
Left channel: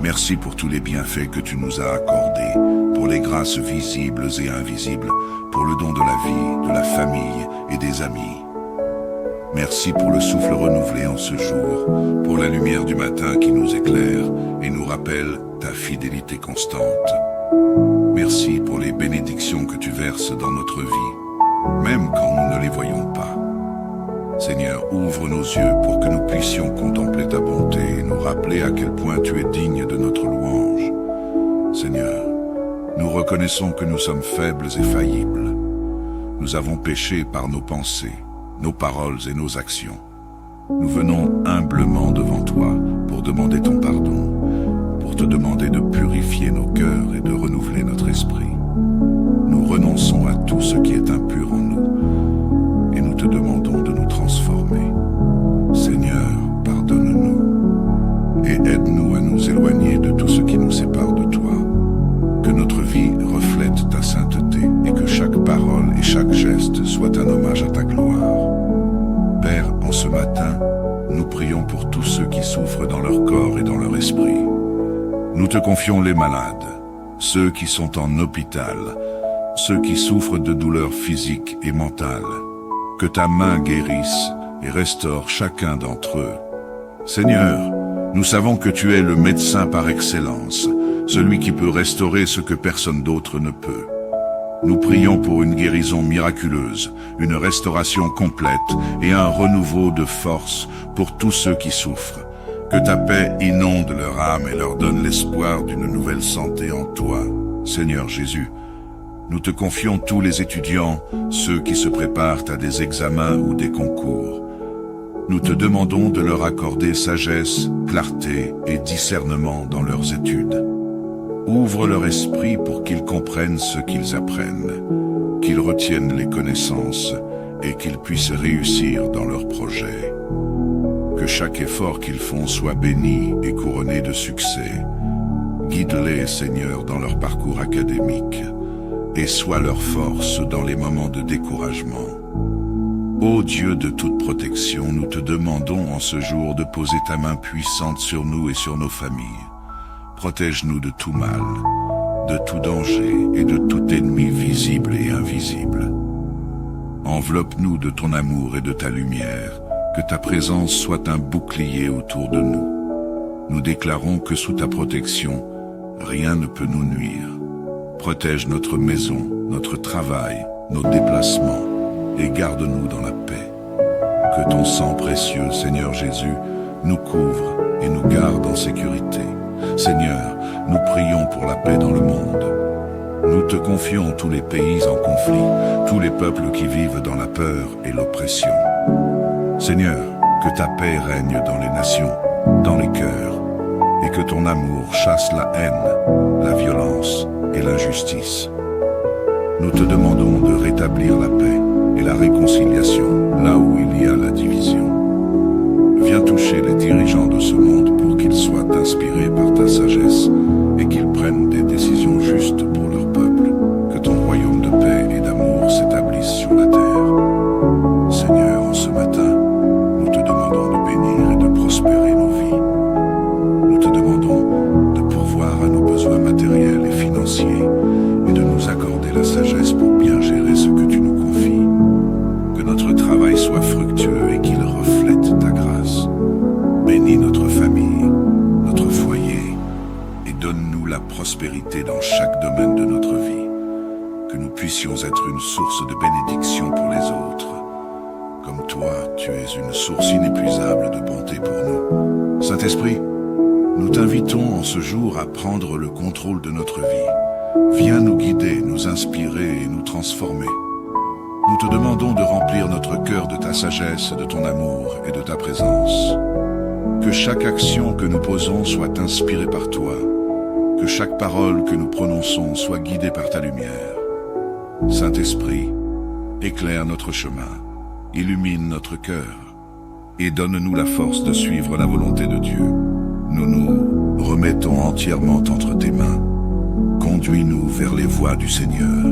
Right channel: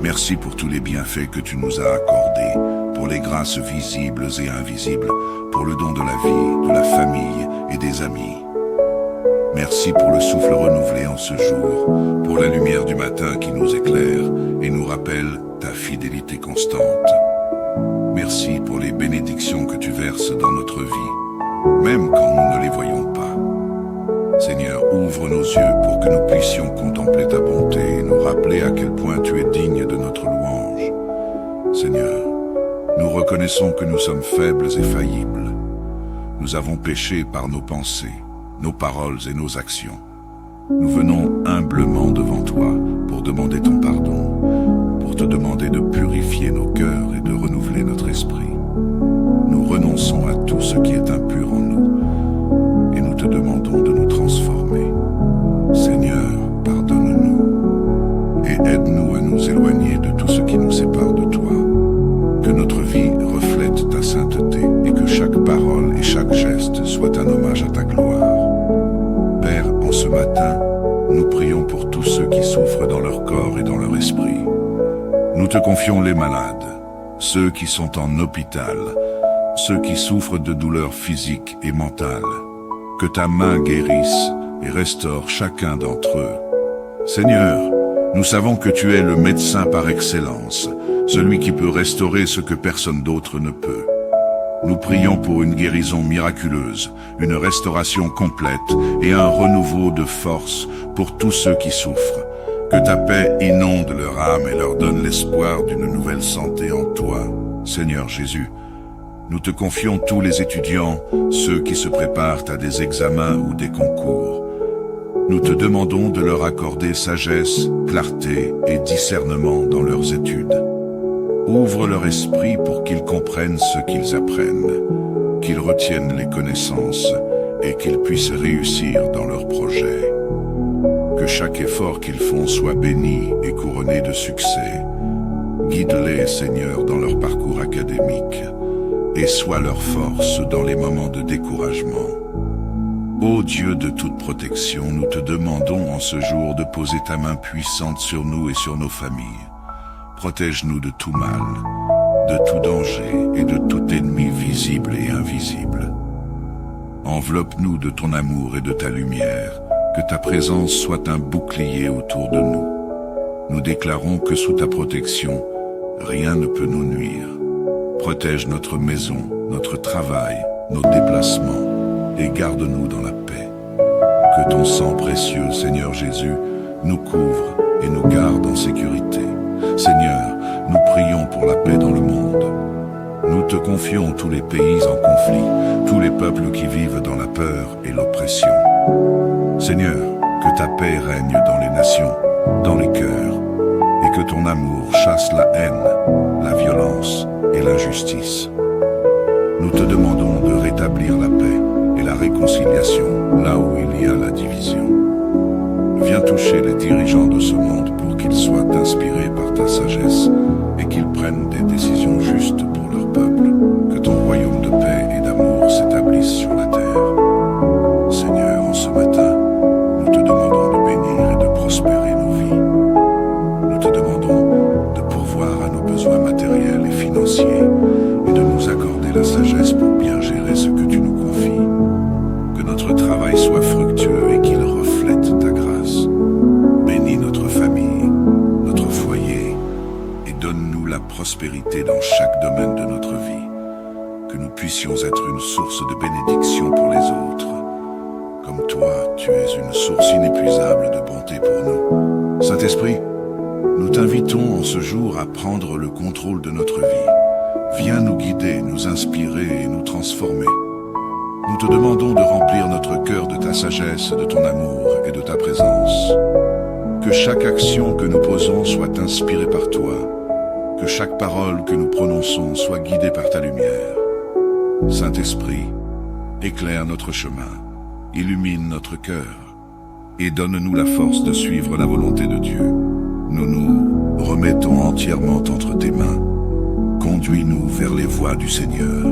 Merci pour tous les bienfaits que tu nous as accordés, pour les grâces visibles et invisibles, pour le don de la vie, de la famille et des amis. Merci pour le souffle renouvelé en ce jour, pour la lumière du matin qui nous éclaire et nous rappelle ta fidélité constante. Merci pour les bénédictions que tu verses dans notre vie, même quand nous ne les voyons pas. Seigneur, ouvre nos yeux pour que nous puissions contempler ta bonté et nous rappeler à quel point tu es digne de notre louange. Seigneur, nous reconnaissons que nous sommes faibles et faillibles. Nous avons péché par nos pensées, nos paroles et nos actions. Nous venons humblement devant toi pour demander ton pardon, pour te demander de purifier nos cœurs et de renouveler notre esprit. Nous renonçons à tout ce qui est impur en nous et nous te demandons de nous transformer. Seigneur, pardonne-nous et aide-nous à nous éloigner de tout ce qui nous sépare de toi. Que notre vie reflète ta sainteté et que chaque parole et chaque geste soit un hommage à ta gloire. Père, en ce matin, nous prions pour tous ceux qui souffrent dans leur corps et dans leur esprit. Nous te confions les malades, ceux qui sont en hôpital, ceux qui souffrent de douleurs physiques et mentales. Que ta main guérisse et restaure chacun d'entre eux. Seigneur, nous savons que tu es le médecin par excellence, celui qui peut restaurer ce que personne d'autre ne peut. Nous prions pour une guérison miraculeuse, une restauration complète et un renouveau de force pour tous ceux qui souffrent. Que ta paix inonde leur âme et leur donne l'espoir d'une nouvelle santé en toi. Seigneur Jésus, nous te confions tous les étudiants, ceux qui se préparent à des examens ou des concours. Nous te demandons de leur accorder sagesse, clarté et discernement dans leurs études. Ouvre leur esprit pour qu'ils comprennent ce qu'ils apprennent, qu'ils retiennent les connaissances et qu'ils puissent réussir dans leurs projets. Que chaque effort qu'ils font soit béni et couronné de succès. Guide-les, Seigneur, dans leur parcours académique et sois leur force dans les moments de découragement. Ô Dieu de toute protection, nous te demandons en ce jour de poser ta main puissante sur nous et sur nos familles. Protège-nous de tout mal, de tout danger et de tout ennemi visible et invisible. Enveloppe-nous de ton amour et de ta lumière, que ta présence soit un bouclier autour de nous. Nous déclarons que sous ta protection, rien ne peut nous nuire. Protège notre maison, notre travail, nos déplacements et garde-nous dans la paix. Que ton sang précieux, Seigneur Jésus, nous couvre et nous garde en sécurité. Seigneur, nous prions pour la paix dans le monde. Nous te confions tous les pays en conflit, tous les peuples qui vivent dans la peur et l'oppression. Seigneur, que ta paix règne dans les nations, dans les cœurs, et que ton amour chasse la haine, la violence et l'injustice. Nous te demandons de rétablir la paix et la réconciliation là où il y a la division. Viens toucher les dirigeants de ce monde pour qu'ils soient inspirés par ta sagesse et qu'ils prennent des décisions justes pour leur peuple. Que ton royaume de paix et d'amour s'établisse sur la terre. Seigneur, en ce matin, nous te demandons de bénir et de prospérer nos vies. Nous te demandons de pourvoir à nos besoins matériels et financiers et de nous accorder la sagesse pour bien gérer ce que tu nous confies. Que notre travail soit fructueux et qu'il reflète ta grâce. Bénis notre famille, notre foyer et donne-nous la prospérité dans chaque domaine de notre vie. Que nous puissions être une source de bénédiction pour les autres. Comme toi, tu es une source inépuisable de bonté pour nous. Saint-Esprit, nous t'invitons en ce jour à prendre le contrôle de notre vie. Viens nous guider, nous inspirer et nous transformer. Nous te demandons de remplir notre cœur de ta sagesse, de ton amour et de ta présence. Que chaque action que nous posons soit inspirée par toi. Que chaque parole que nous prononçons soit guidée par ta lumière. Saint-Esprit, éclaire notre chemin, illumine notre cœur et donne-nous la force de suivre la volonté de Dieu. Nous nous remettons entièrement entre tes mains. Conduis-nous vers les voies du Seigneur.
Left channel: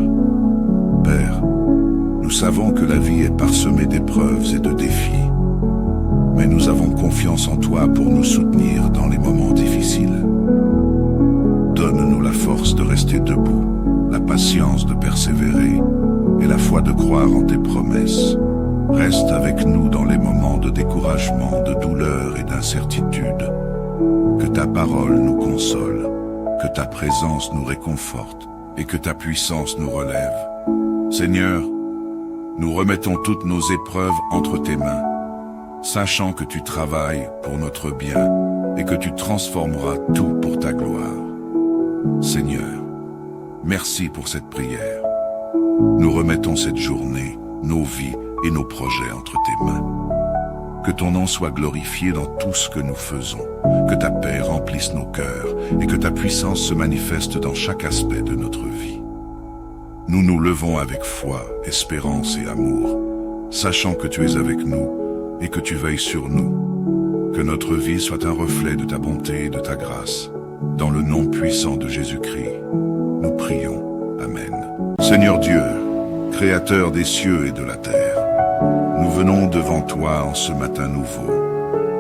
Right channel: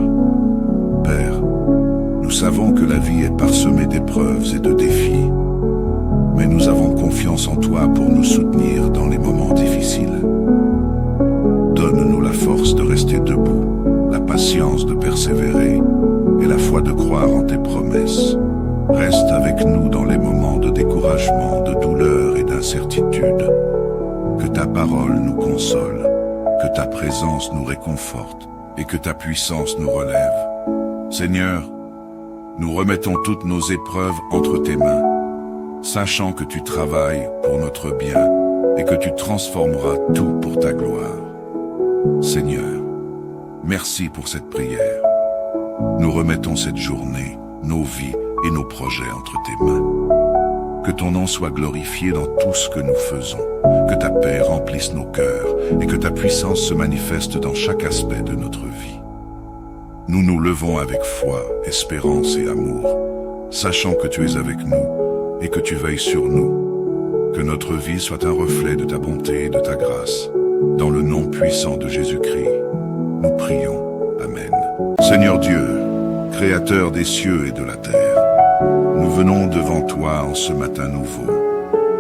Père, nous savons que la vie est parsemée d'épreuves et de défis, mais nous avons confiance en toi pour nous soutenir dans les moments difficiles. Donne-nous la force de rester debout, la patience de persévérer et la foi de croire en tes promesses. Reste avec nous dans les moments de découragement, de douleur et d'incertitude. Que ta parole nous console, que ta présence nous réconforte et que ta puissance nous relève. Seigneur, nous remettons toutes nos épreuves entre tes mains, sachant que tu travailles pour notre bien et que tu transformeras tout pour ta gloire. Seigneur, merci pour cette prière. Nous remettons cette journée, nos vies et nos projets entre tes mains. Que ton nom soit glorifié dans tout ce que nous faisons, que ta paix remplisse nos cœurs et que ta puissance se manifeste dans chaque aspect de notre vie. Nous nous levons avec foi, espérance et amour, sachant que tu es avec nous et que tu veilles sur nous. Que notre vie soit un reflet de ta bonté et de ta grâce. Dans le nom puissant de Jésus-Christ, nous prions. Amen. Seigneur Dieu, Créateur des cieux et de la terre, nous venons devant toi en ce matin nouveau,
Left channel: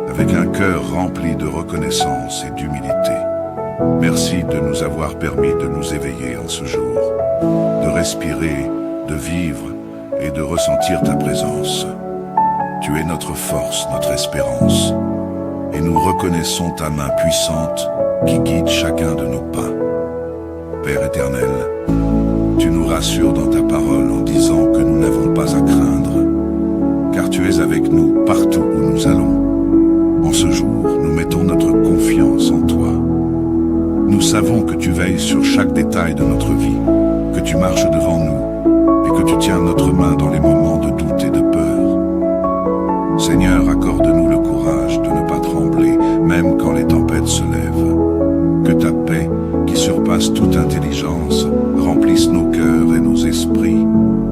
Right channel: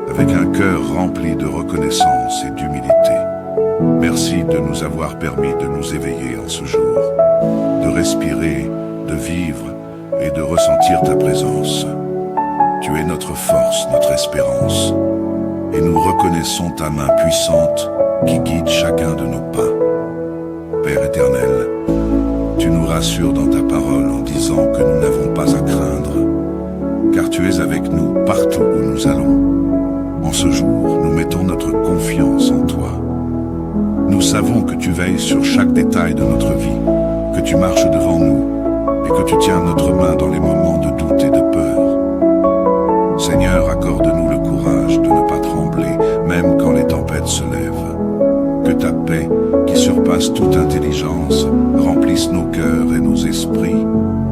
avec un cœur rempli de reconnaissance et d'humilité. Merci de nous avoir permis de nous éveiller en ce jour, de respirer, de vivre et de ressentir ta présence. Tu es notre force, notre espérance, et nous reconnaissons ta main puissante qui guide chacun de nos pas. Père éternel, tu nous rassures dans ta parole en disant que nous n'avons pas à craindre, car tu es avec nous partout où nous allons. En ce jour, nous mettons notre confiance en toi. Nous savons que tu veilles sur chaque détail de notre vie, que tu marches devant nous et que tu tiens notre main dans les moments de doute et de peur. Seigneur, accorde-nous le courage de ne pas trembler, même quand les tempêtes se lèvent. Que ta paix, qui surpasse toute intelligence, remplisse nos cœurs et nos esprits,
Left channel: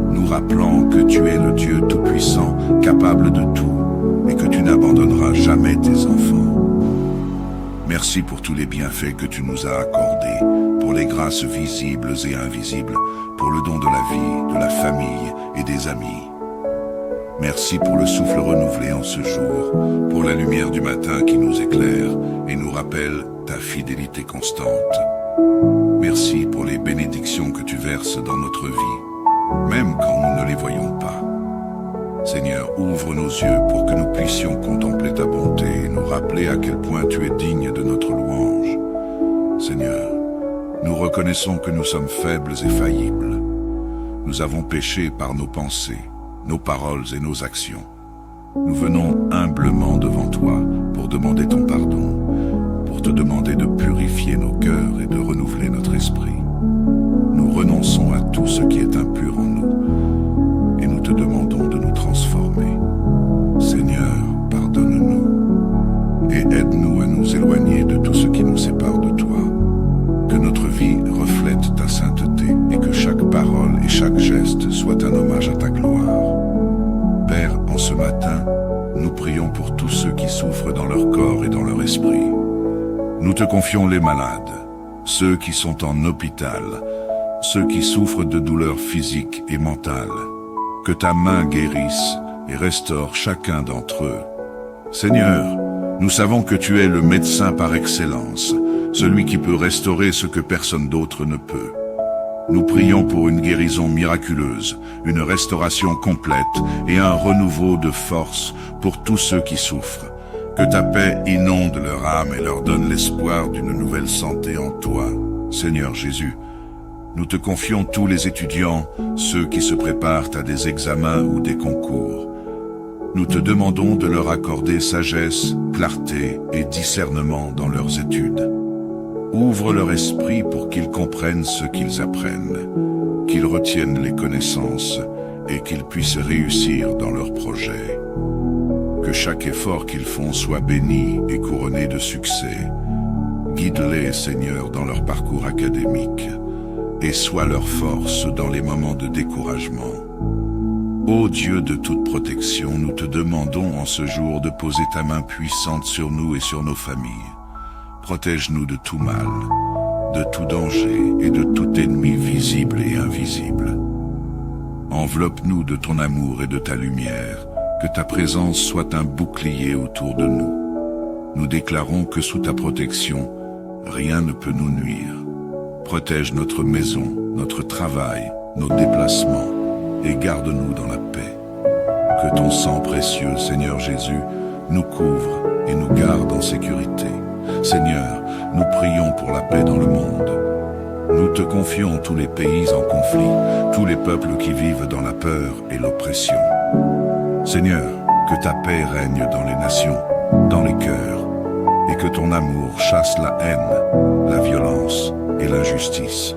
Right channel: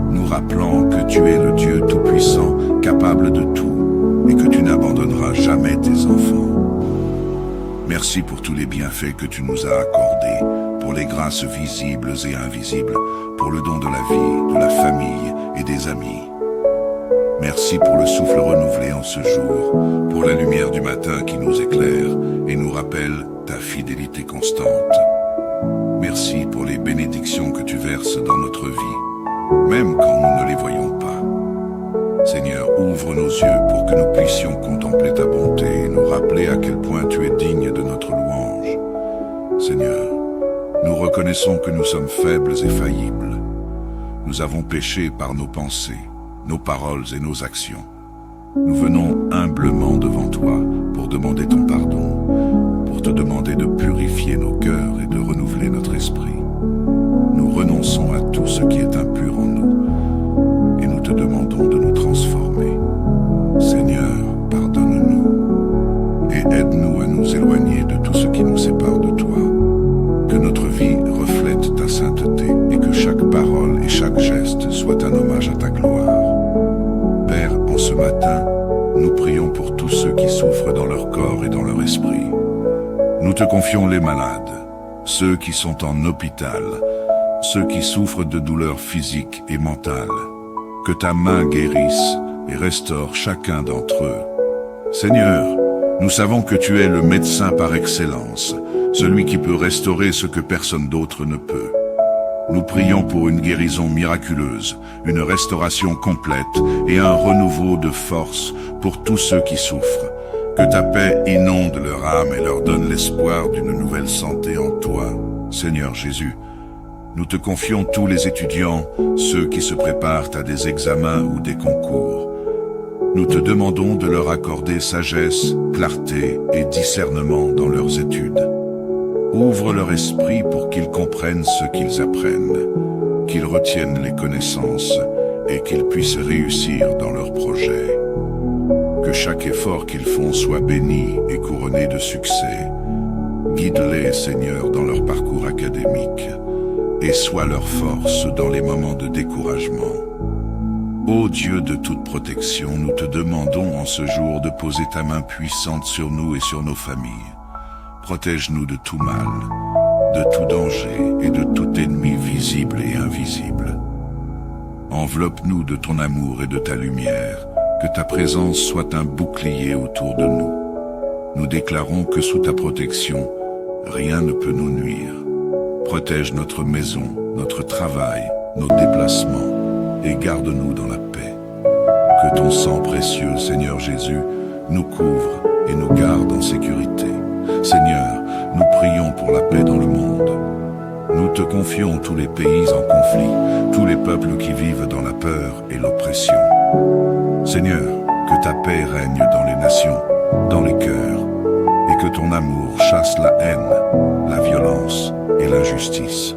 nous rappelant que tu es le Dieu Tout-Puissant, capable de tout, et que tu n'abandonneras jamais tes enfants. Merci pour tous les bienfaits que tu nous as accordés, pour les grâces visibles et invisibles, pour le don de la vie, de la famille et des amis. Merci pour le souffle renouvelé en ce jour, pour la lumière du matin qui nous éclaire et nous rappelle ta fidélité constante. Merci pour les bénédictions que tu verses dans notre vie, même quand nous ne les voyons pas. Seigneur, ouvre nos yeux pour que nous puissions contempler ta bonté et nous rappeler à quel point tu es digne de notre louange. Seigneur, nous reconnaissons que nous sommes faibles et faillibles. Nous avons péché par nos pensées, nos paroles et nos actions. Nous venons humblement devant toi pour demander ton pardon, pour te demander de purifier nos cœurs et de renouveler notre esprit. Nous renonçons à tout ce qui est impur en nous et nous te demandons de nous transformer. Seigneur, pardonne-nous et aide-nous à nous éloigner de tout ce qui nous sépare de toi. Que notre vie reflète ta sainteté et que chaque parole et chaque geste soit un hommage à ta gloire. Père, en ce matin, nous prions pour tous ceux qui souffrent dans leur corps et dans leur esprit. Nous te confions les malades, ceux qui sont en hôpital, ceux qui souffrent de douleurs physiques et mentales. Que ta main guérisse et restaure chacun d'entre eux. Seigneur, nous savons que tu es le médecin par excellence, celui qui peut restaurer ce que personne d'autre ne peut. Nous prions pour une guérison miraculeuse, une restauration complète et un renouveau de force pour tous ceux qui souffrent. Que ta paix inonde leur âme et leur donne l'espoir d'une nouvelle santé en toi, Seigneur Jésus. Nous te confions tous les étudiants, ceux qui se préparent à des examens ou des concours. Nous te demandons de leur accorder sagesse, clarté et discernement dans leurs études. Ouvre leur esprit pour qu'ils comprennent ce qu'ils apprennent, qu'ils retiennent les connaissances et qu'ils puissent réussir dans leurs projets. Que chaque effort qu'ils font soit béni et couronné de succès. Guide-les, Seigneur, dans leur parcours académique et sois leur force dans les moments de découragement. Ô Dieu de toute protection, nous te demandons en ce jour de poser ta main puissante sur nous et sur nos familles. Protège-nous de tout mal, de tout danger et de tout ennemi visible et invisible. Enveloppe-nous de ton amour et de ta lumière, que ta présence soit un bouclier autour de nous. Nous déclarons que sous ta protection, rien ne peut nous nuire. Protège notre maison, notre travail, nos déplacements et garde-nous dans la paix. Que ton sang précieux, Seigneur Jésus, nous couvre et nous garde en sécurité. Seigneur, nous prions pour la paix dans le monde. Nous te confions tous les pays en conflit, tous les peuples qui vivent dans la peur et l'oppression. Seigneur, que ta paix règne dans les nations, dans les cœurs, et que ton amour chasse la haine, la violence et l'injustice.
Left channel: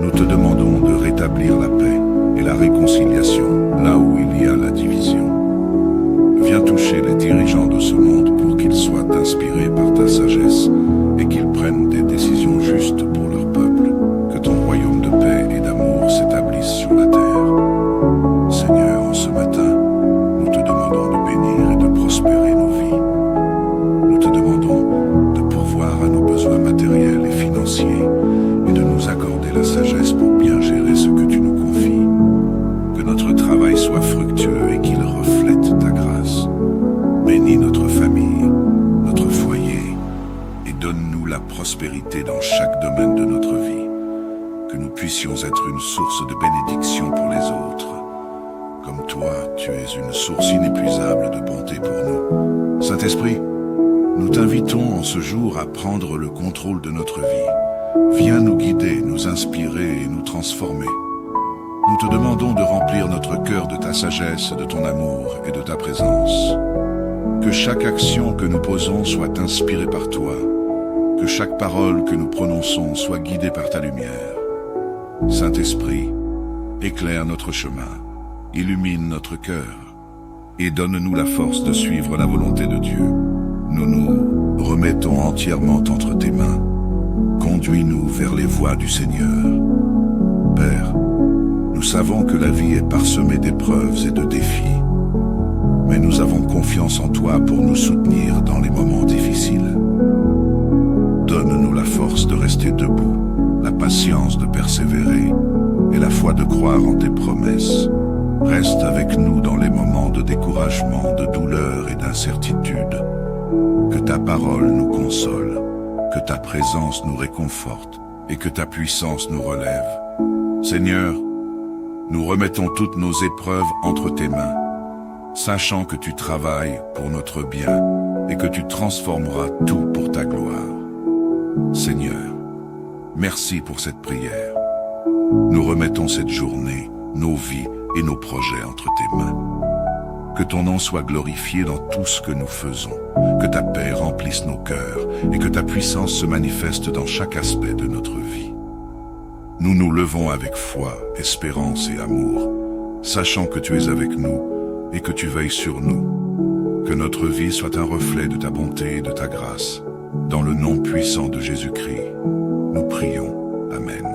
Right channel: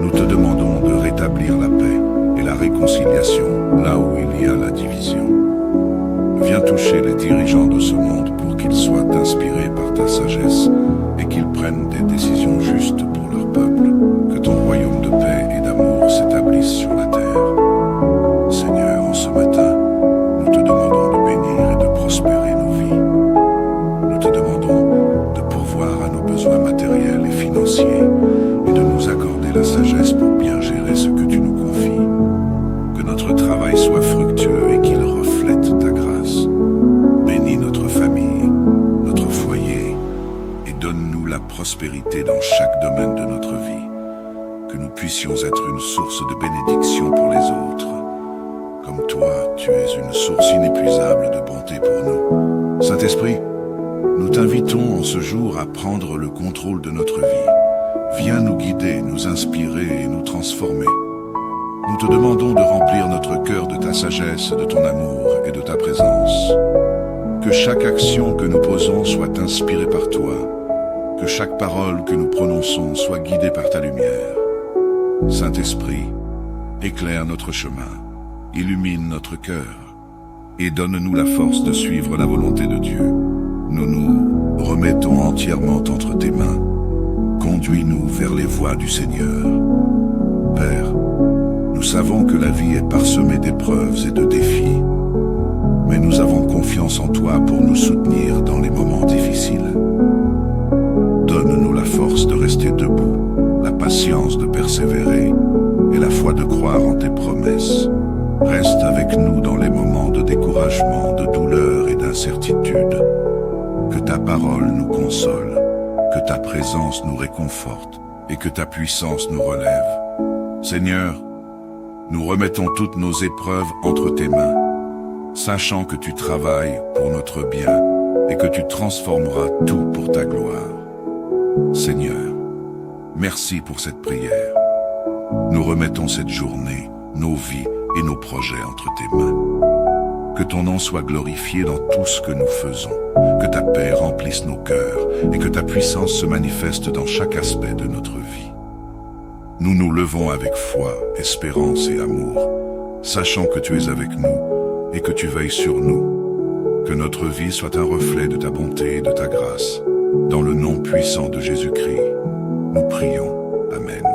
Nous te demandons de rétablir la paix et la réconciliation là où il y a la division. Viens toucher les dirigeants de ce monde pour qu'ils soient inspirés par ta sagesse et qu'ils prennent des décisions justes pour leur peuple. Que ton royaume de paix et d'amour s'établisse sur la terre. Seigneur, en ce matin, nous te demandons de bénir et de prospérer nos vies. Nous te demandons de pourvoir à nos besoins matériels et financiers et de nous accorder la sagesse pour bien gérer ce que tu nous confies. Que notre travail soit fructueux et qu'il reflète ta grâce. Bénis notre famille, notre foyer et donne-nous la prospérité dans chaque domaine de notre vie. Que nous puissions être une source de bénédiction pour les autres. Comme toi, tu es une source inépuisable de bonté pour nous. Saint-Esprit, nous t'invitons en ce jour à prendre le contrôle de notre vie. Viens nous guider, nous inspirer et nous transformer. Nous te demandons de remplir notre cœur de ta sagesse, de ton amour et de ta présence. Que chaque action que nous posons soit inspirée par toi. Que chaque parole que nous prononçons soit guidée par ta lumière. Saint-Esprit, éclaire notre chemin, illumine notre cœur et donne-nous la force de suivre la volonté de Dieu. Nous nous remettons entièrement entre tes mains. Conduis-nous vers les voies du Seigneur. Père, nous savons que la vie est parsemée d'épreuves et de défis, mais nous avons confiance en toi pour nous soutenir dans les moments difficiles. Donne-nous la force de rester debout, la patience de persévérer et la foi de croire en tes promesses. Reste avec nous dans les moments de découragement, de douleur et d'incertitude. Que ta parole nous console, que ta présence nous réconforte et que ta puissance nous relève. Seigneur, nous remettons toutes nos épreuves entre tes mains, sachant que tu travailles pour notre bien et que tu transformeras tout pour ta gloire. Seigneur, merci pour cette prière. Nous remettons cette journée, nos vies et nos projets entre tes mains. Que ton nom soit glorifié dans tout ce que nous faisons, que ta paix remplisse nos cœurs et que ta puissance se manifeste dans chaque aspect de notre vie. Nous nous levons avec foi, espérance et amour, sachant que tu es avec nous et que tu veilles sur nous. Que notre vie soit un reflet de ta bonté et de ta grâce. Dans le nom puissant de Jésus-Christ, nous prions. Amen.